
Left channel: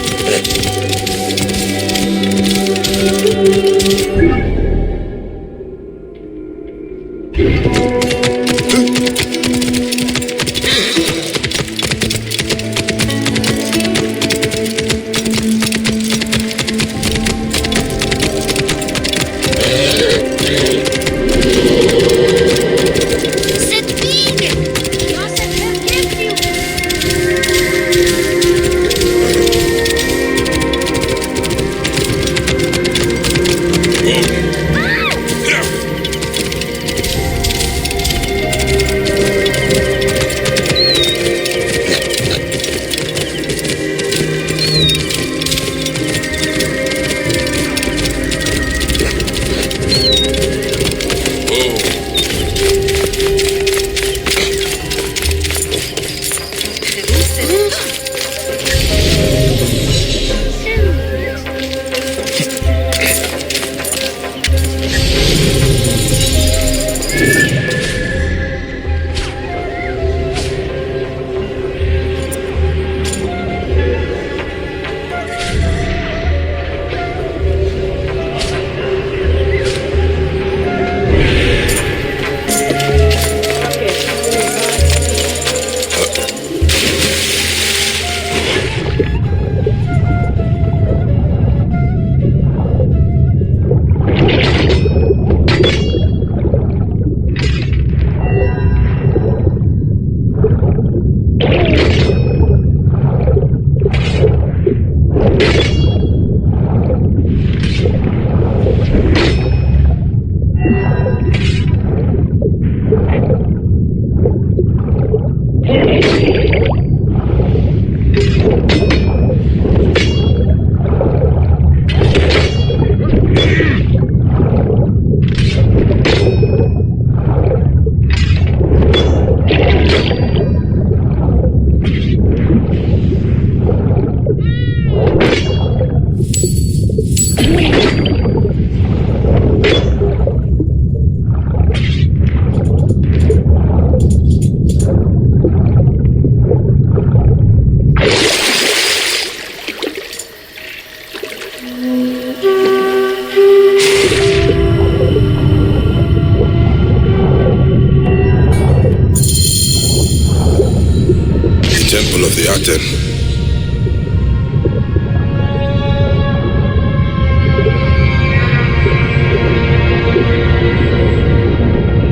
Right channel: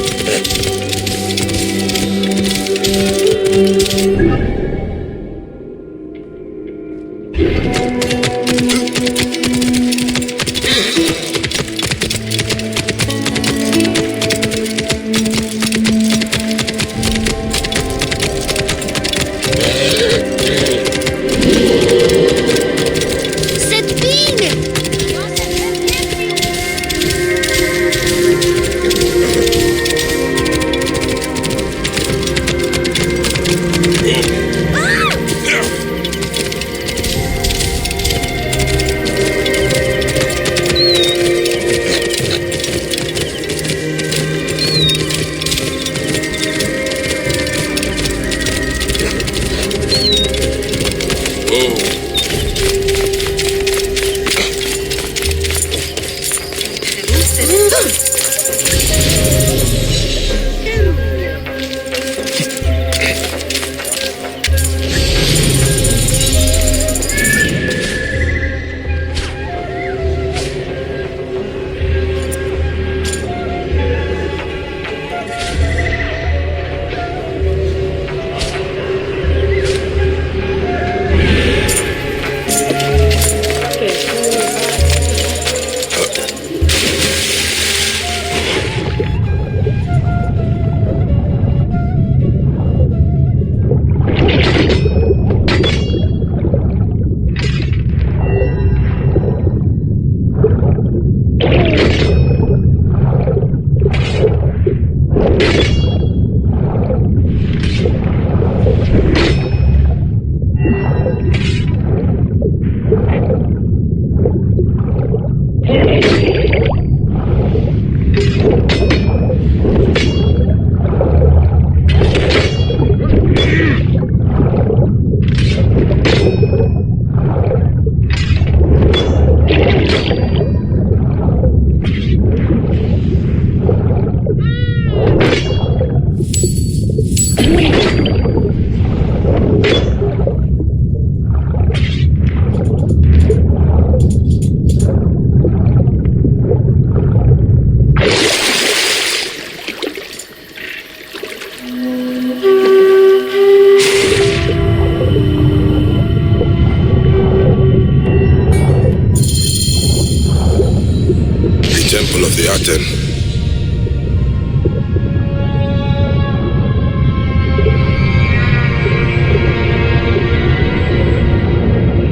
Temple of the Aten.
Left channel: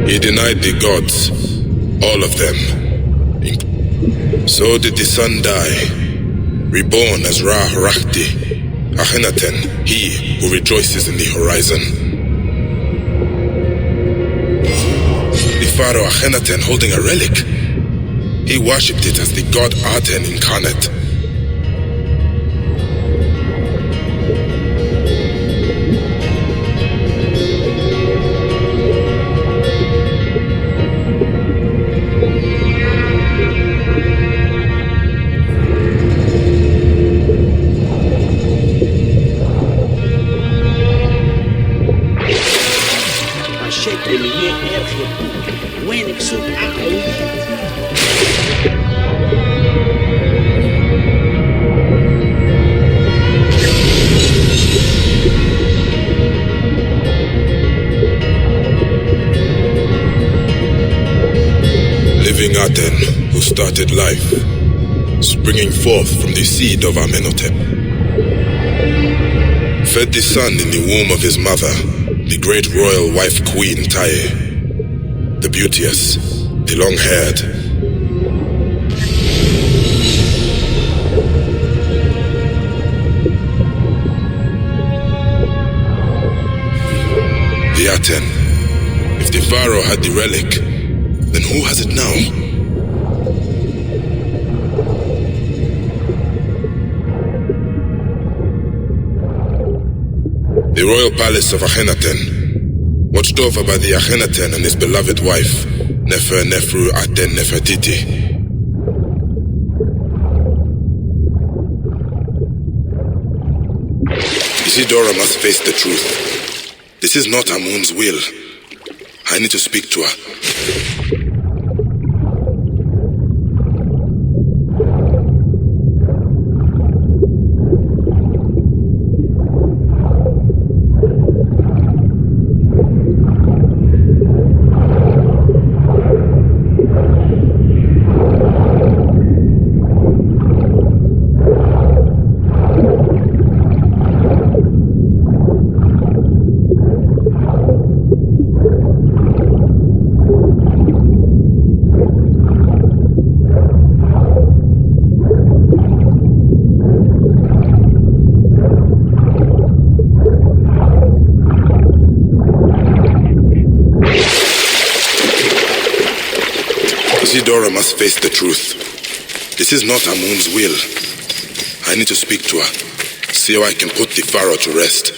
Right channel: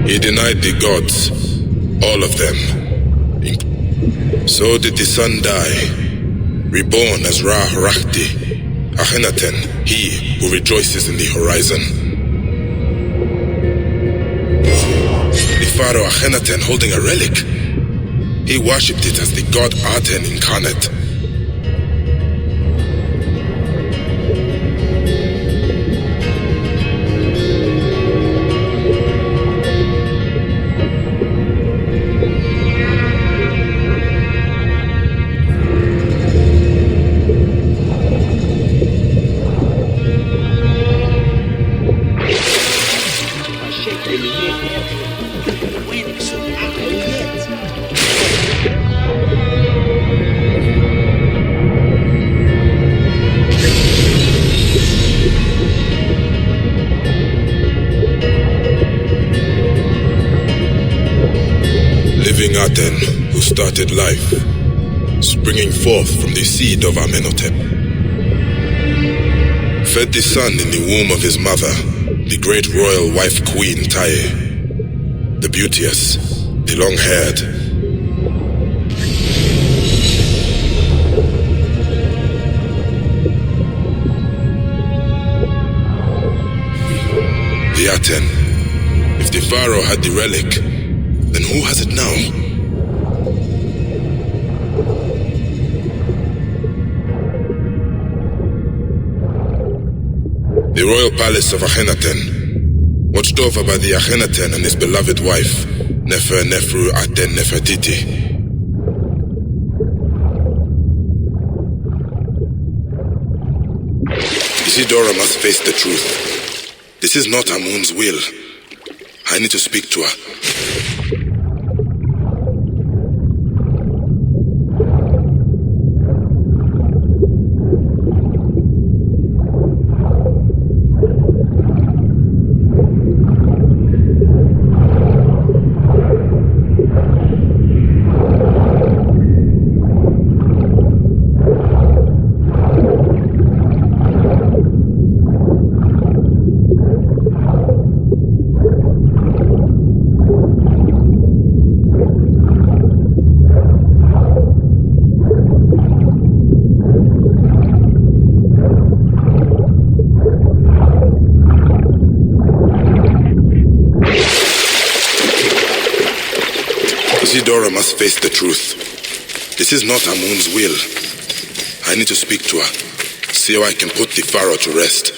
He denied the gods, all of them. So did the sun die, reborn as Ra-Rahti, Akhenaten, he who rejoices in the horizon. The pharaoh Akhenaten holding a relic. He worshipped it as the god Aten incarnate. Living Aten, who started life, springing forth from the seed of Amenhotep. Fed the sun in the womb of his mother, the great royal wife queen Taye, the beauteous, the long-haired. The Aten, if the pharaoh had the relic, Then who has it now? The royal palace of Akhenaten, watched over by the Akhenaten and his beloved wife, Nefer Nefru Aten Nefertiti. Isidora must face the truth. This is not Amun's will. I need to speak to her. Isidora must face the truth. This is not Amun's will. I need to speak to her, see how I can put the pharaoh to rest.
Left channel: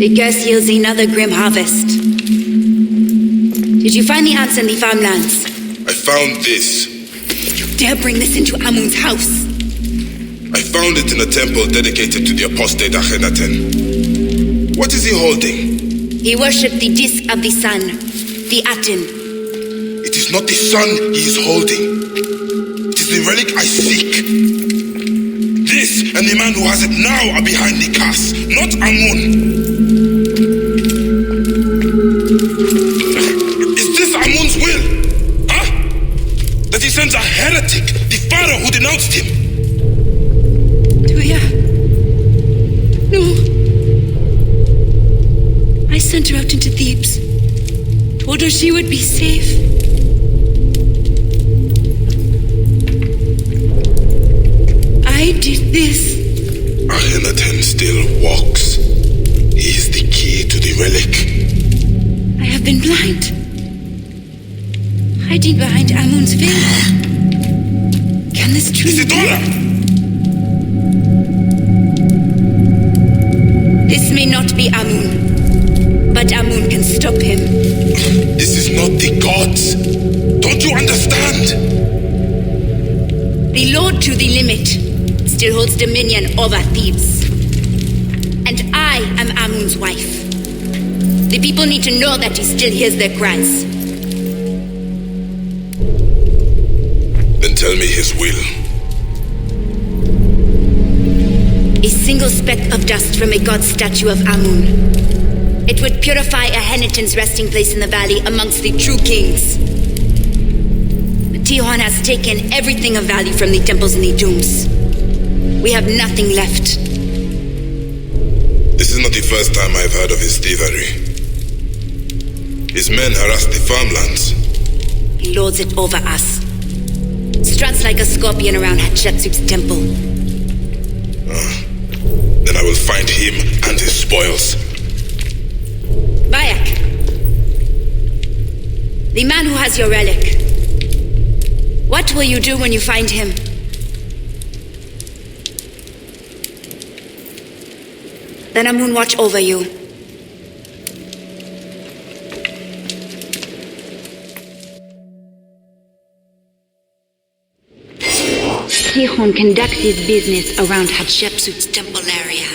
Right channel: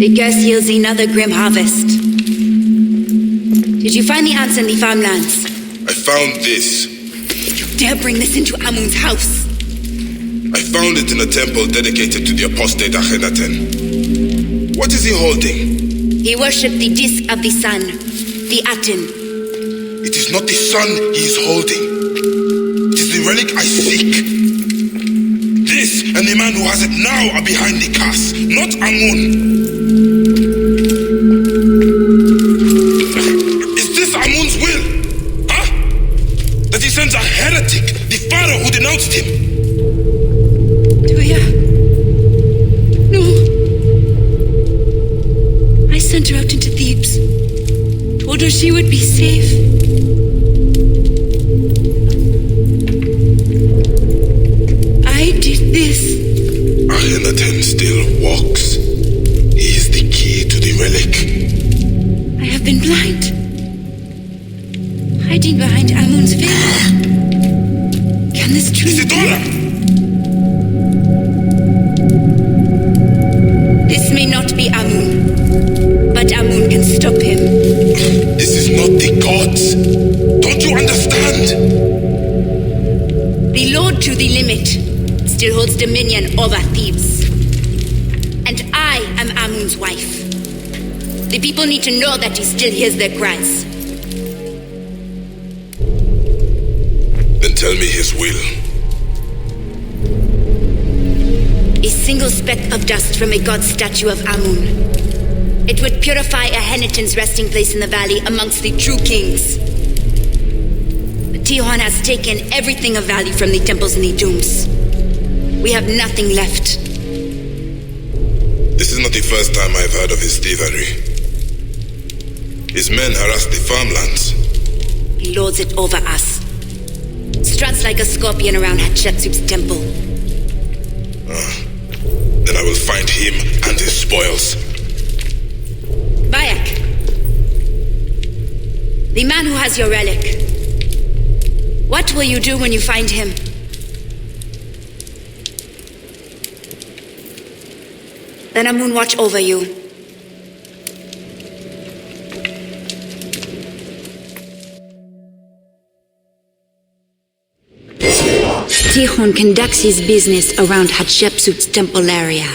The curse yields another grim harvest. Did you find the ants in the farmlands? I found this. You dare bring this into Amun's house? I found it in a temple dedicated to the apostate Akhenaten. What is he holding? He worshipped the disk of the sun, the Aten. It is not the sun he is holding. It is the relic I seek. This and the man who has it now are behind the curse, not Amun. Is this Amun's will? Huh? That he sends a heretic, the pharaoh who denounced him? Tuya. No. I sent her out into Thebes. Told her she would be safe. I did this. Akhenaten still walks. He is the key to the relic. I have been blind. Hiding behind Amun's veil. Can this truly be? This may not be Amun, But Amun can stop him. This is not the gods. Don't you understand? The Lord to the limit still holds dominion over Thebes. And I am Amun's wife. The people need to know that he still hears their cries. Then tell me his will. A single speck of dust from a god statue of Amun. It would purify Ahenitan's resting place in the valley amongst the true kings. But Tihon has taken everything of value from the temples and the tombs. We have nothing left. This is not the first time I've heard of his thievery. His men harass the farmlands. He lords it over us. Struts like a scorpion around Hatshepsut's temple. Then I will find him and his spoils. Bayek. The man who has your relic. What will you do when you find him? Then Amun watch over you. Tihon conducts his business around Hatshepsut's temple area.